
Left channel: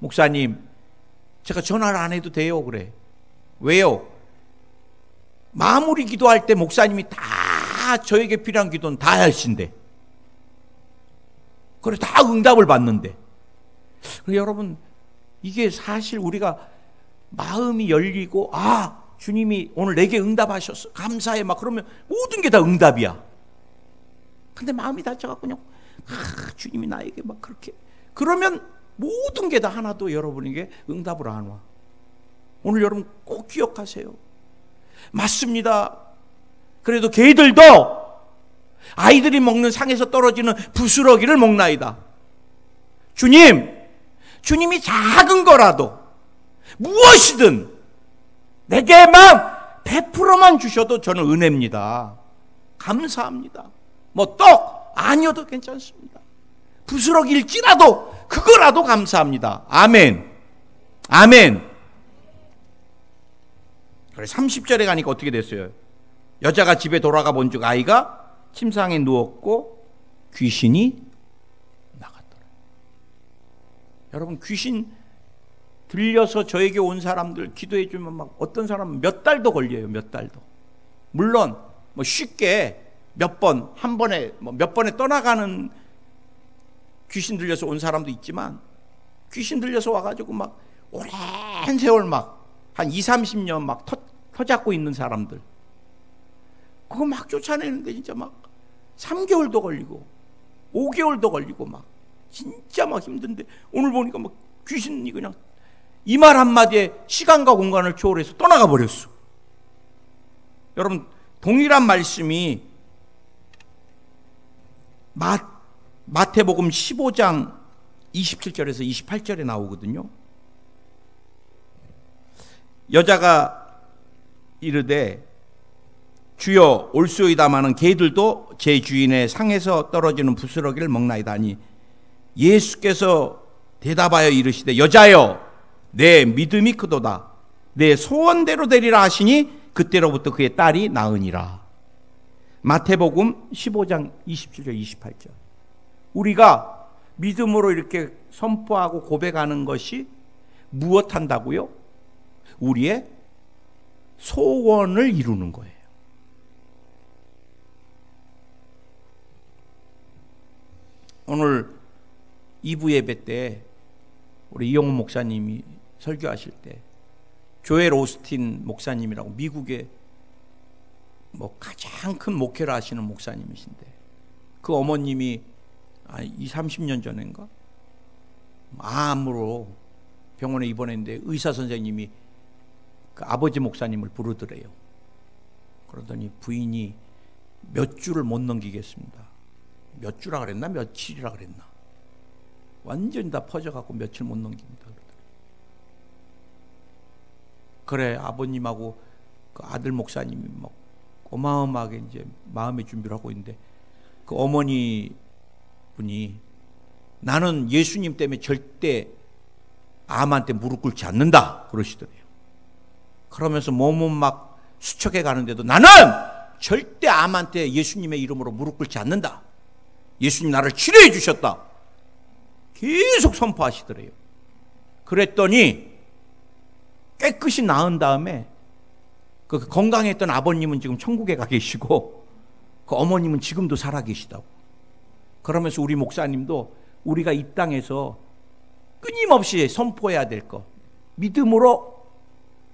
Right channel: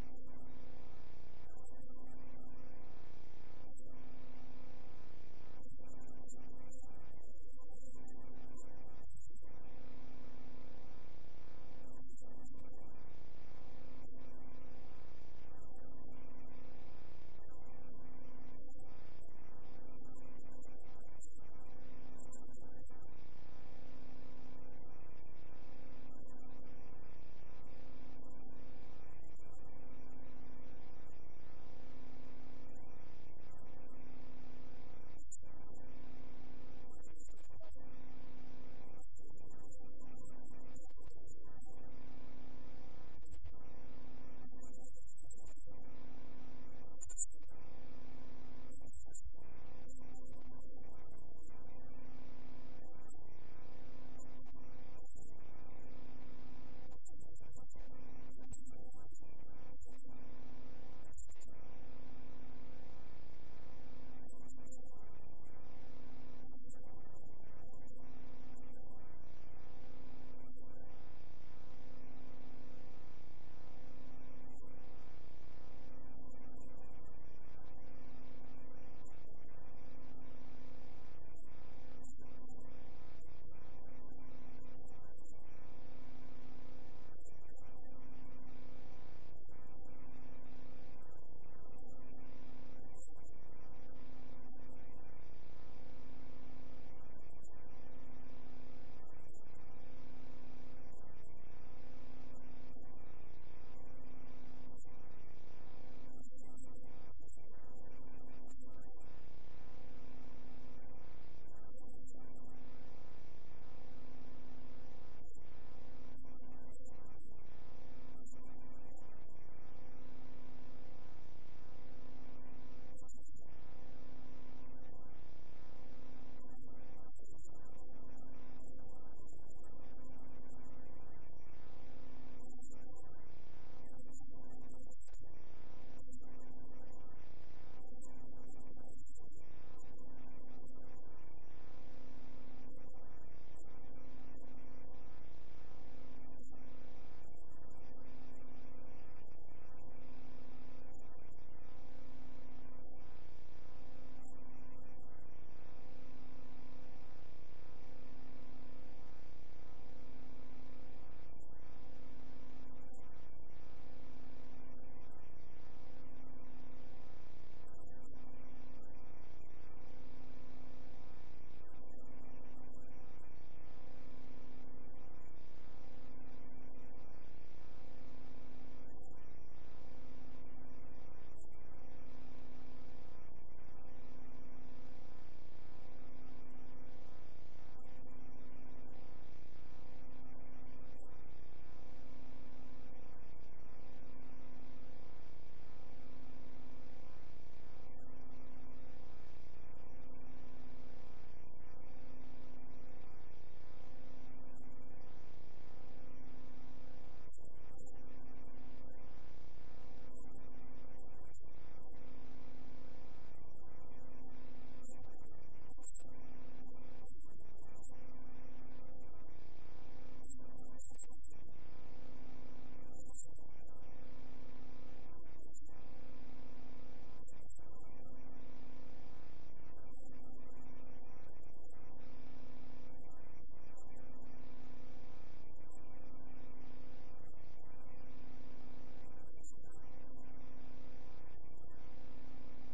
목사님 제가 전화를 안 해도 돼요. 그래. 왜요? 마무리 기도할 때 목사님이 다 저에게 필요한 기도는 다 하신대. 그래 다 응답을 받는데. 여러분 이게 사실 우리가 마음이 열리고 주님이 오늘 내게 응답하셨어 감사해 막 그러면 모든 게 다 응답이야. 근데 마음이 다쳐갖고 그냥 주님이 나에게 막 그렇게 그러면 모든 게 다 하나도 여러분에게 응답을 안 와. 오늘 여러분 꼭 기억하세요. 맞습니다. 그래도 걔들도 아이들이 먹는 상에서 떨어지는 부스러기를 먹나이다. 주님이 작은 거라도 무엇이든 내게만 100%만 주셔도 저는 은혜입니다. 감사합니다. 뭐 떡 아니어도 괜찮습니다. 부스러기일지라도 그거라도 감사합니다. 아멘. 아멘. 그래 30절에 가니까 어떻게 됐어요? 여자가 집에 돌아가 본즉 아이가 침상에 누웠고 귀신이 나갔더라. 여러분 귀신 들려서 저에게 온 사람들 기도해 주면 막 어떤 사람은 몇 달도 걸려요. 몇 달도. 물론 뭐 쉽게 몇 번 한 번에 뭐 몇 번에 떠나가는 귀신 들려서 온 사람도 있지만 귀신 들려서 와가지고 막 오랜 세월 막 한 20-30년 막 터잡고 있는 사람들 그거 막 쫓아내는데 진짜 막 3개월도 걸리고 5개월도 걸리고 막 진짜 막 힘든데 오늘 보니까 막 귀신이 그냥 이 말 한마디에 시간과 공간을 초월해서 떠나가 버렸어. 여러분 동일한 말씀이 마태복음 15장 27절에서 28절에 나오거든요. 여자가 이르되 주여 올소이다마는 개들도 제 주인의 상에서 떨어지는 부스러기를 먹나이다 하니 예수께서 대답하여 이르시되 여자여 내 믿음이 크도다 내 소원대로 되리라 하시니 그때로부터 그의 딸이 나으니라. 마태복음 15장 27절 28절. 우리가 믿음으로 이렇게 선포하고 고백하는 것이 무엇한다고요? 우리의 소원을 이루는 거예요. 오늘 2부 예배 때 우리 이영훈 목사님이 설교하실 때 조엘 오스틴 목사님이라고 미국의 뭐 가장 큰 목회를 하시는 목사님이신데 그 어머님이 30년 전인가 암으로 병원에 입원했는데 의사 선생님이 그 아버지 목사님을 부르더래요. 그러더니 부인이 몇 주를 못 넘기겠습니다. 몇 주라 그랬나 며칠이라 그랬나 완전히 다 퍼져갖고 며칠 못 넘깁니다. 그래, 아버님하고 그 아들 목사님이 막 어마어마하게 이제 마음의 준비를 하고 있는데, 그 어머니 분이 나는 예수님 때문에 절대 암한테 무릎 꿇지 않는다 그러시더래요. 그러면서 몸은 막 수척해 가는데도 나는 절대 암한테 예수님의 이름으로 무릎 꿇지 않는다. 예수님 나를 치료해 주셨다. 계속 선포하시더래요. 그랬더니 깨끗이 나은 다음에 그 건강했던 아버님은 지금 천국에 가 계시고 그 어머님은 지금도 살아 계시다고. 그러면서 우리 목사님도 우리가 이 땅에서 끊임없이 선포해야 될 것, 믿음으로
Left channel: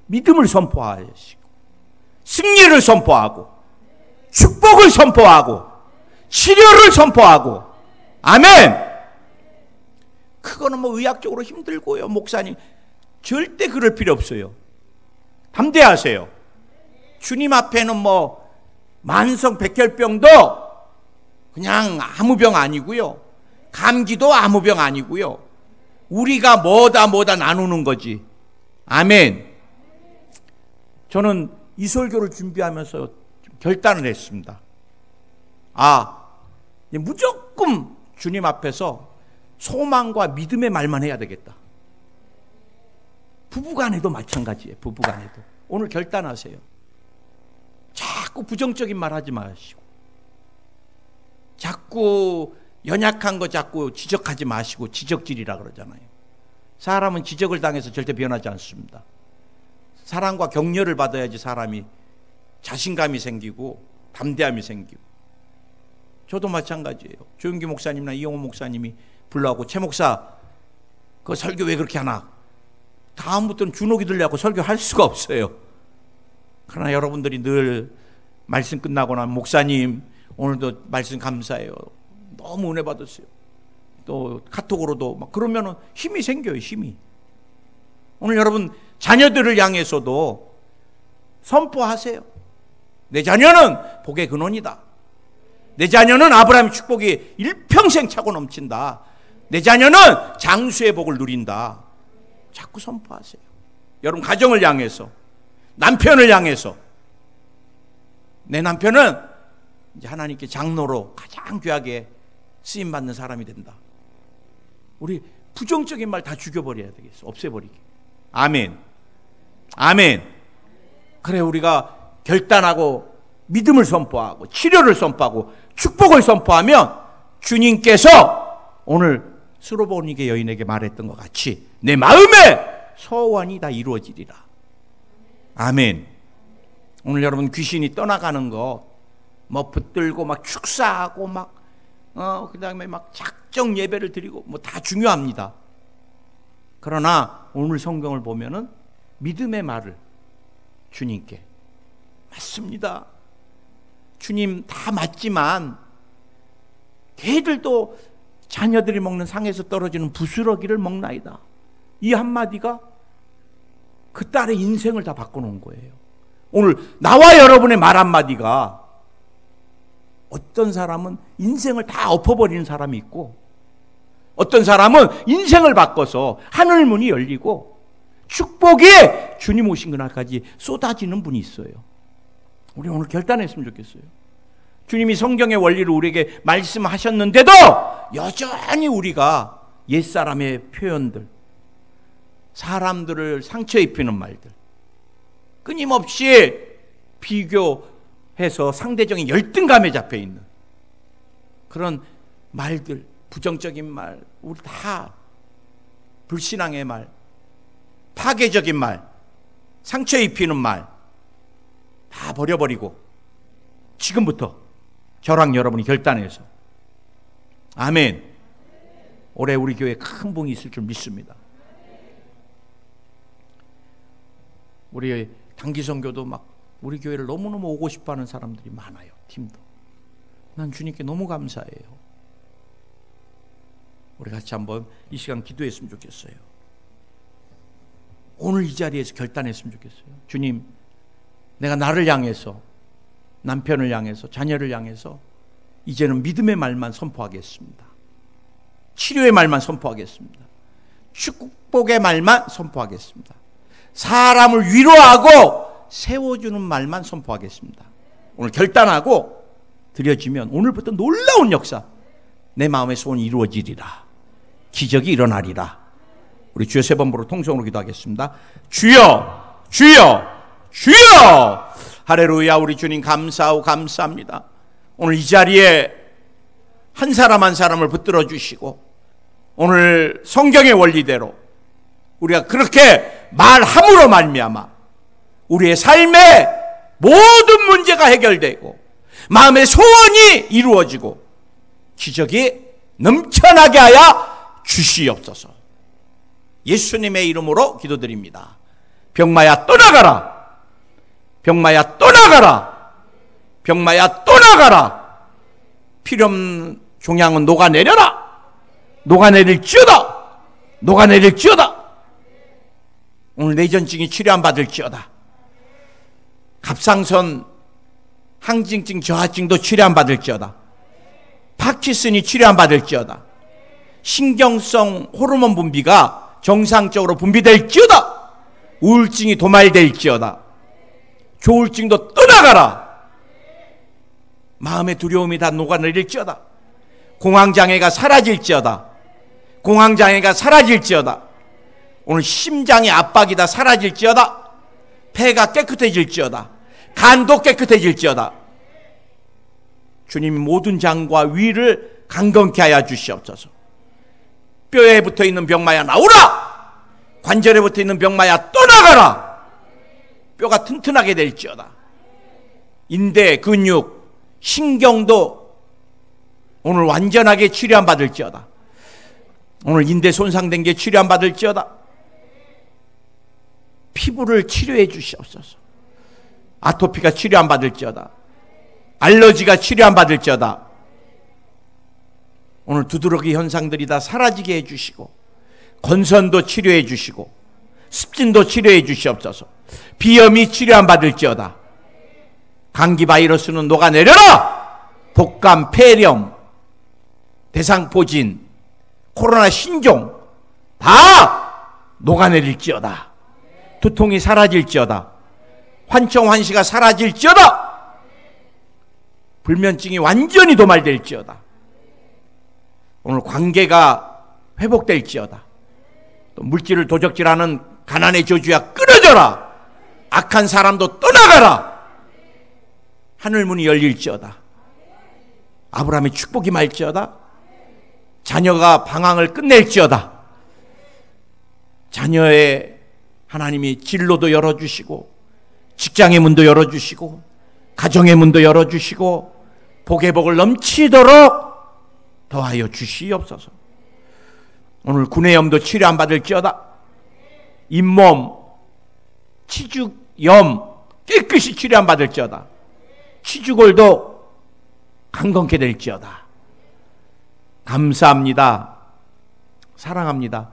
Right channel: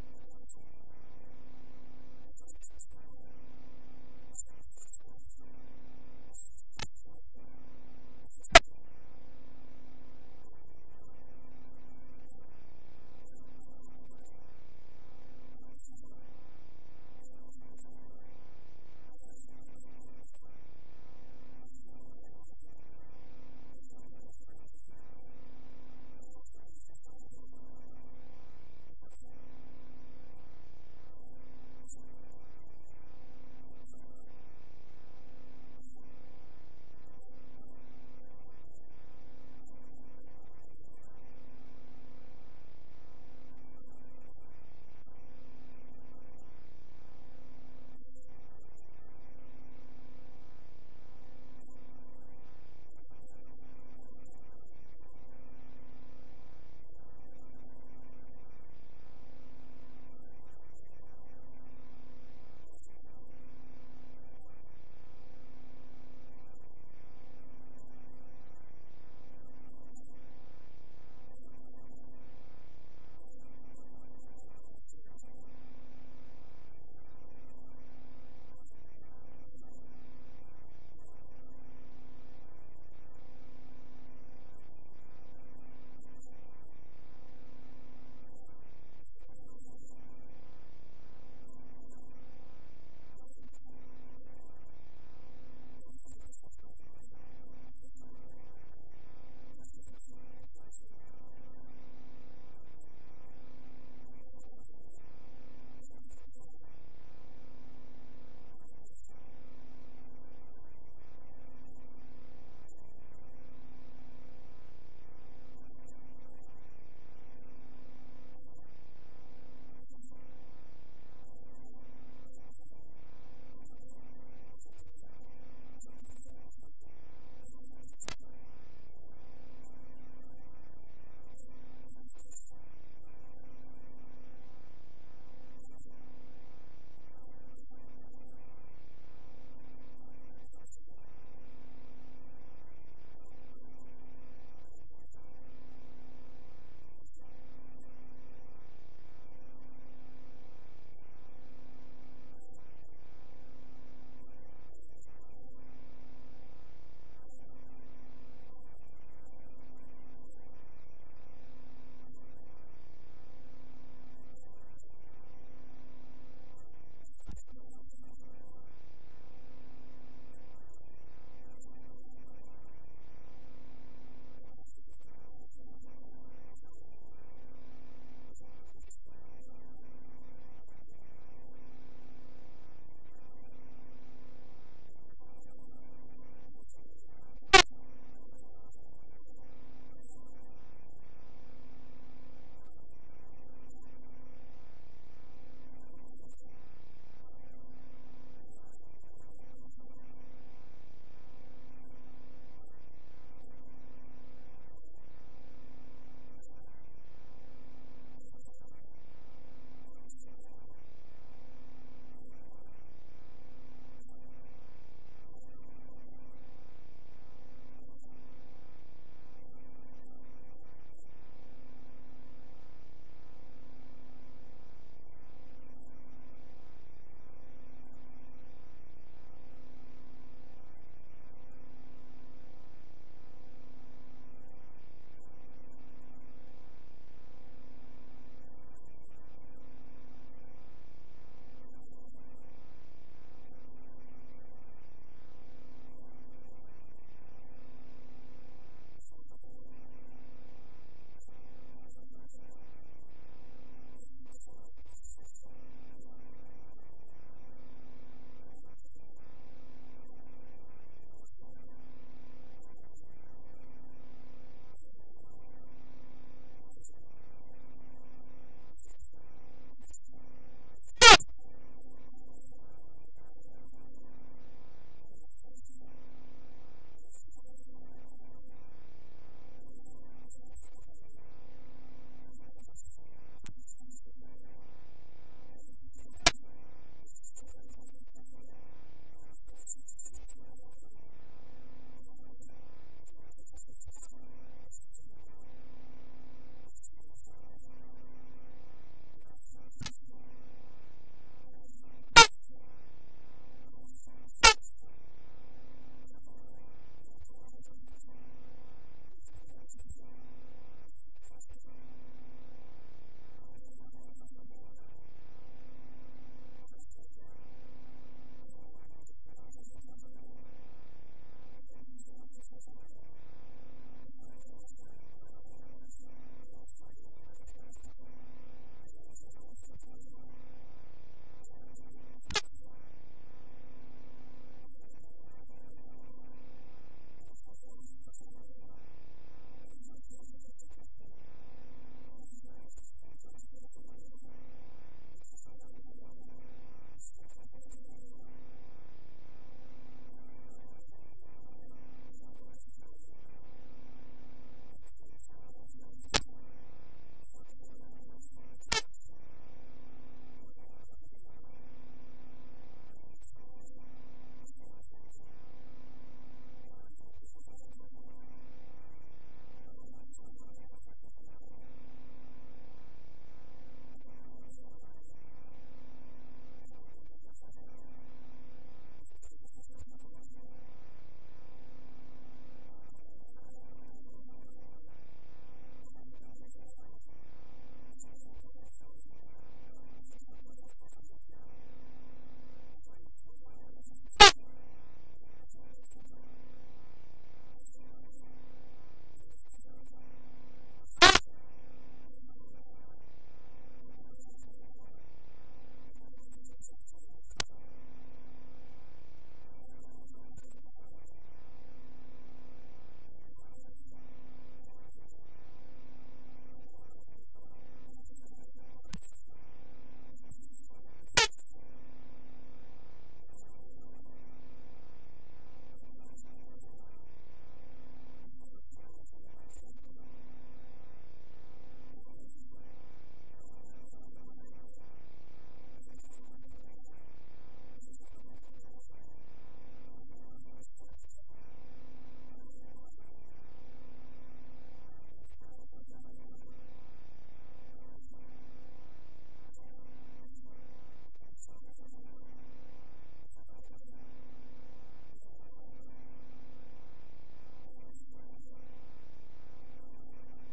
믿음을 선포하시고 승리를 선포하고 축복을 선포하고 치료를 선포하고. 아멘. 그거는 뭐 의학적으로 힘들고요. 목사님 절대 그럴 필요 없어요. 담대하세요. 주님 앞에는 뭐 만성 백혈병도 그냥 아무 병 아니고요. 감기도 아무 병 아니고요. 우리가 뭐다 나누는 거지. 아멘. 저는 이 설교를 준비하면서 결단을 했습니다. 무조건 주님 앞에서 소망과 믿음의 말만 해야 되겠다. 부부간에도 마찬가지예요. 부부간에도 오늘 결단하세요. 자꾸 부정적인 말 하지 마시고, 자꾸 연약한 거 자꾸 지적하지 마시고. 지적질이라 그러잖아요. 사람은 지적을 당해서 절대 변하지 않습니다. 사랑과 격려를 받아야지 사람이 자신감이 생기고 담대함이 생기고. 저도 마찬가지예요. 조용기 목사님이나 이용호 목사님이 불러하고 최 목사 그 설교 왜 그렇게 하나, 다음부터는 주눅이 들려고 설교할 수가 없어요. 그러나 여러분들이 늘 말씀 끝나고 나면 목사님 오늘도 말씀 감사해요, 너무 은혜 받았어요, 또 카톡으로도 막 그러면은 힘이 생겨요. 힘이. 오늘 여러분 자녀들을 향해서도 선포하세요. 내 자녀는 복의 근원이다. 내 자녀는 아브라함의 축복이 일평생 차고 넘친다. 내 자녀는 장수의 복을 누린다. 자꾸 선포하세요. 여러분 가정을 향해서, 남편을 향해서, 내 남편은 이제 하나님께 장로로 가장 귀하게 쓰임받는 사람이 된다. 우리 부정적인 말 다 죽여버려야 되겠어. 없애버리게. 아멘. 아멘. 그래, 우리가 결단하고 믿음을 선포하고 치료를 선포하고 축복을 선포하면 주님께서 오늘 스로보니게 여인에게 말했던 것 같이 내 마음의 소원이 다 이루어지리라. 아멘. 오늘 여러분 귀신이 떠나가는 거 뭐 붙들고 막 축사하고 막 그 다음에 막 작정 예배를 드리고 뭐 다 중요합니다. 그러나 오늘 성경을 보면은 믿음의 말을 주님께, 맞습니다, 주님 다 맞지만 걔들도 자녀들이 먹는 상에서 떨어지는 부스러기를 먹나이다. 이 한마디가 그 딸의 인생을 다 바꿔놓은 거예요. 오늘 나와 여러분의 말 한마디가 어떤 사람은 인생을 다 엎어버리는 사람이 있고, 어떤 사람은 인생을 바꿔서 하늘 문이 열리고 축복이 주님 오신 그날까지 쏟아지는 분이 있어요. 우리 오늘 결단했으면 좋겠어요. 주님이 성경의 원리를 우리에게 말씀하셨는데도 여전히 우리가 옛사람의 표현들, 사람들을 상처 입히는 말들, 끊임없이 비교해서 상대적인 열등감에 잡혀 있는 그런 말들, 부정적인 말, 우리 다 불신앙의 말, 파괴적인 말, 상처 입히는 말 다 버려버리고 지금부터 저랑 여러분이 결단해서, 아멘, 올해 우리 교회에 큰 봉이 있을 줄 믿습니다. 우리 단기 선교도 막 우리 교회를 너무너무 오고 싶어하는 사람들이 많아요. 팀도. 난 주님께 너무 감사해요. 우리 같이 한번 이 시간 기도했으면 좋겠어요. 오늘 이 자리에서 결단했으면 좋겠어요. 주님, 내가 나를 향해서, 남편을 향해서, 자녀를 향해서 이제는 믿음의 말만 선포하겠습니다. 치료의 말만 선포하겠습니다. 축복의 말만 선포하겠습니다. 사람을 위로하고 세워주는 말만 선포하겠습니다. 오늘 결단하고 드려지면 오늘부터 놀라운 역사, 내 마음의 소원이 이루어지리라. 기적이 일어나리라. 우리 주여 세 번 부르고 통성으로 기도하겠습니다. 주여, 주여, 주여. 할렐루야. 우리 주님 감사하고 감사합니다. 오늘 이 자리에 한 사람 한 사람을 붙들어 주시고 오늘 성경의 원리대로 우리가 그렇게 말함으로 말미암아 우리의 삶의 모든 문제가 해결되고 마음의 소원이 이루어지고 기적이 넘쳐나게 하여 주시옵소서. 예수님의 이름으로 기도드립니다. 병마야 떠나가라. 병마야 떠나가라. 병마야 떠나가라. 필요없는 종양은 녹아내려라. 녹아내릴지어다. 녹아내릴지어다. 오늘 뇌전증이 치료 안 받을지어다. 갑상선 항진증 저하증도 치료 안 받을지어다. 파킨슨이 치료 안 받을지어다. 신경성 호르몬 분비가 정상적으로 분비될지어다. 우울증이 도말될지어다. 조울증도 떠나가라. 마음의 두려움이 다 녹아내릴지어다. 공황장애가 사라질지어다. 공황장애가 사라질지어다. 오늘 심장의 압박이 다 사라질지어다. 폐가 깨끗해질지어다. 간도 깨끗해질지어다. 주님 모든 장과 위를 강건케 하여 주시옵소서. 뼈에 붙어있는 병마야 나오라. 관절에 붙어있는 병마야 떠나가라. 뼈가 튼튼하게 될지어다. 인대, 근육, 신경도 오늘 완전하게 치료 안 받을지어다. 오늘 인대 손상된 게 치료 안 받을지어다. 피부를 치료해 주시옵소서. 아토피가 치료 안 받을지어다. 알러지가 치료 안 받을지어다. 오늘 두드러기 현상들이 다 사라지게 해주시고 건선도 치료해 주시고 습진도 치료해 주시옵소서. 비염이 치료 안 받을지어다. 감기 바이러스는 녹아내려라. 독감, 폐렴, 대상포진, 코로나 신종 다 녹아내릴지어다. 두통이 사라질지어다. 환청환시가 사라질지어다. 불면증이 완전히 도말될지어다. 오늘 관계가 회복될지어다. 또 물질을 도적질하는 가난의 저주야 끊어져라. 악한 사람도 떠나가라. 하늘문이 열릴지어다. 아브라함의 축복이 말지어다. 자녀가 방황을 끝낼지어다. 자녀의 하나님이 진로도 열어주시고 직장의 문도 열어주시고 가정의 문도 열어주시고 복의 복을 넘치도록 더하여 주시옵소서. 오늘 구내염도 치료 안 받을지어다. 잇몸, 치죽염 깨끗이 치료 안 받을지어다. 치주골도 강건케 될지어다. 감사합니다. 사랑합니다.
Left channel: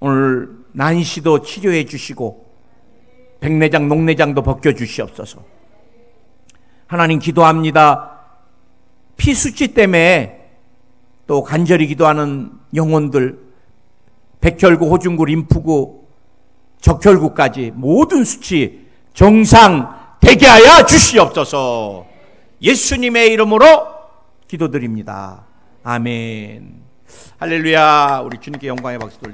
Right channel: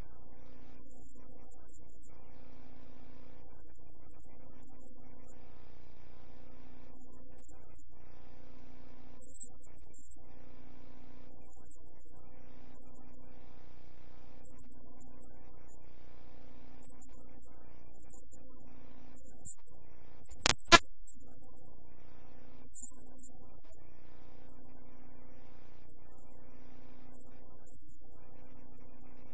오늘 난시도 치료해 주시고 백내장, 녹내장도 벗겨 주시옵소서. 하나님 기도합니다. 피 수치 때문에 또 간절히 기도하는 영혼들, 백혈구, 호중구, 림프구, 적혈구까지 모든 수치 정상 되게 하여 주시옵소서. 예수님의 이름으로 기도드립니다. 아멘. 할렐루야. 우리 주님께 영광의 박수 돌리겠습니다.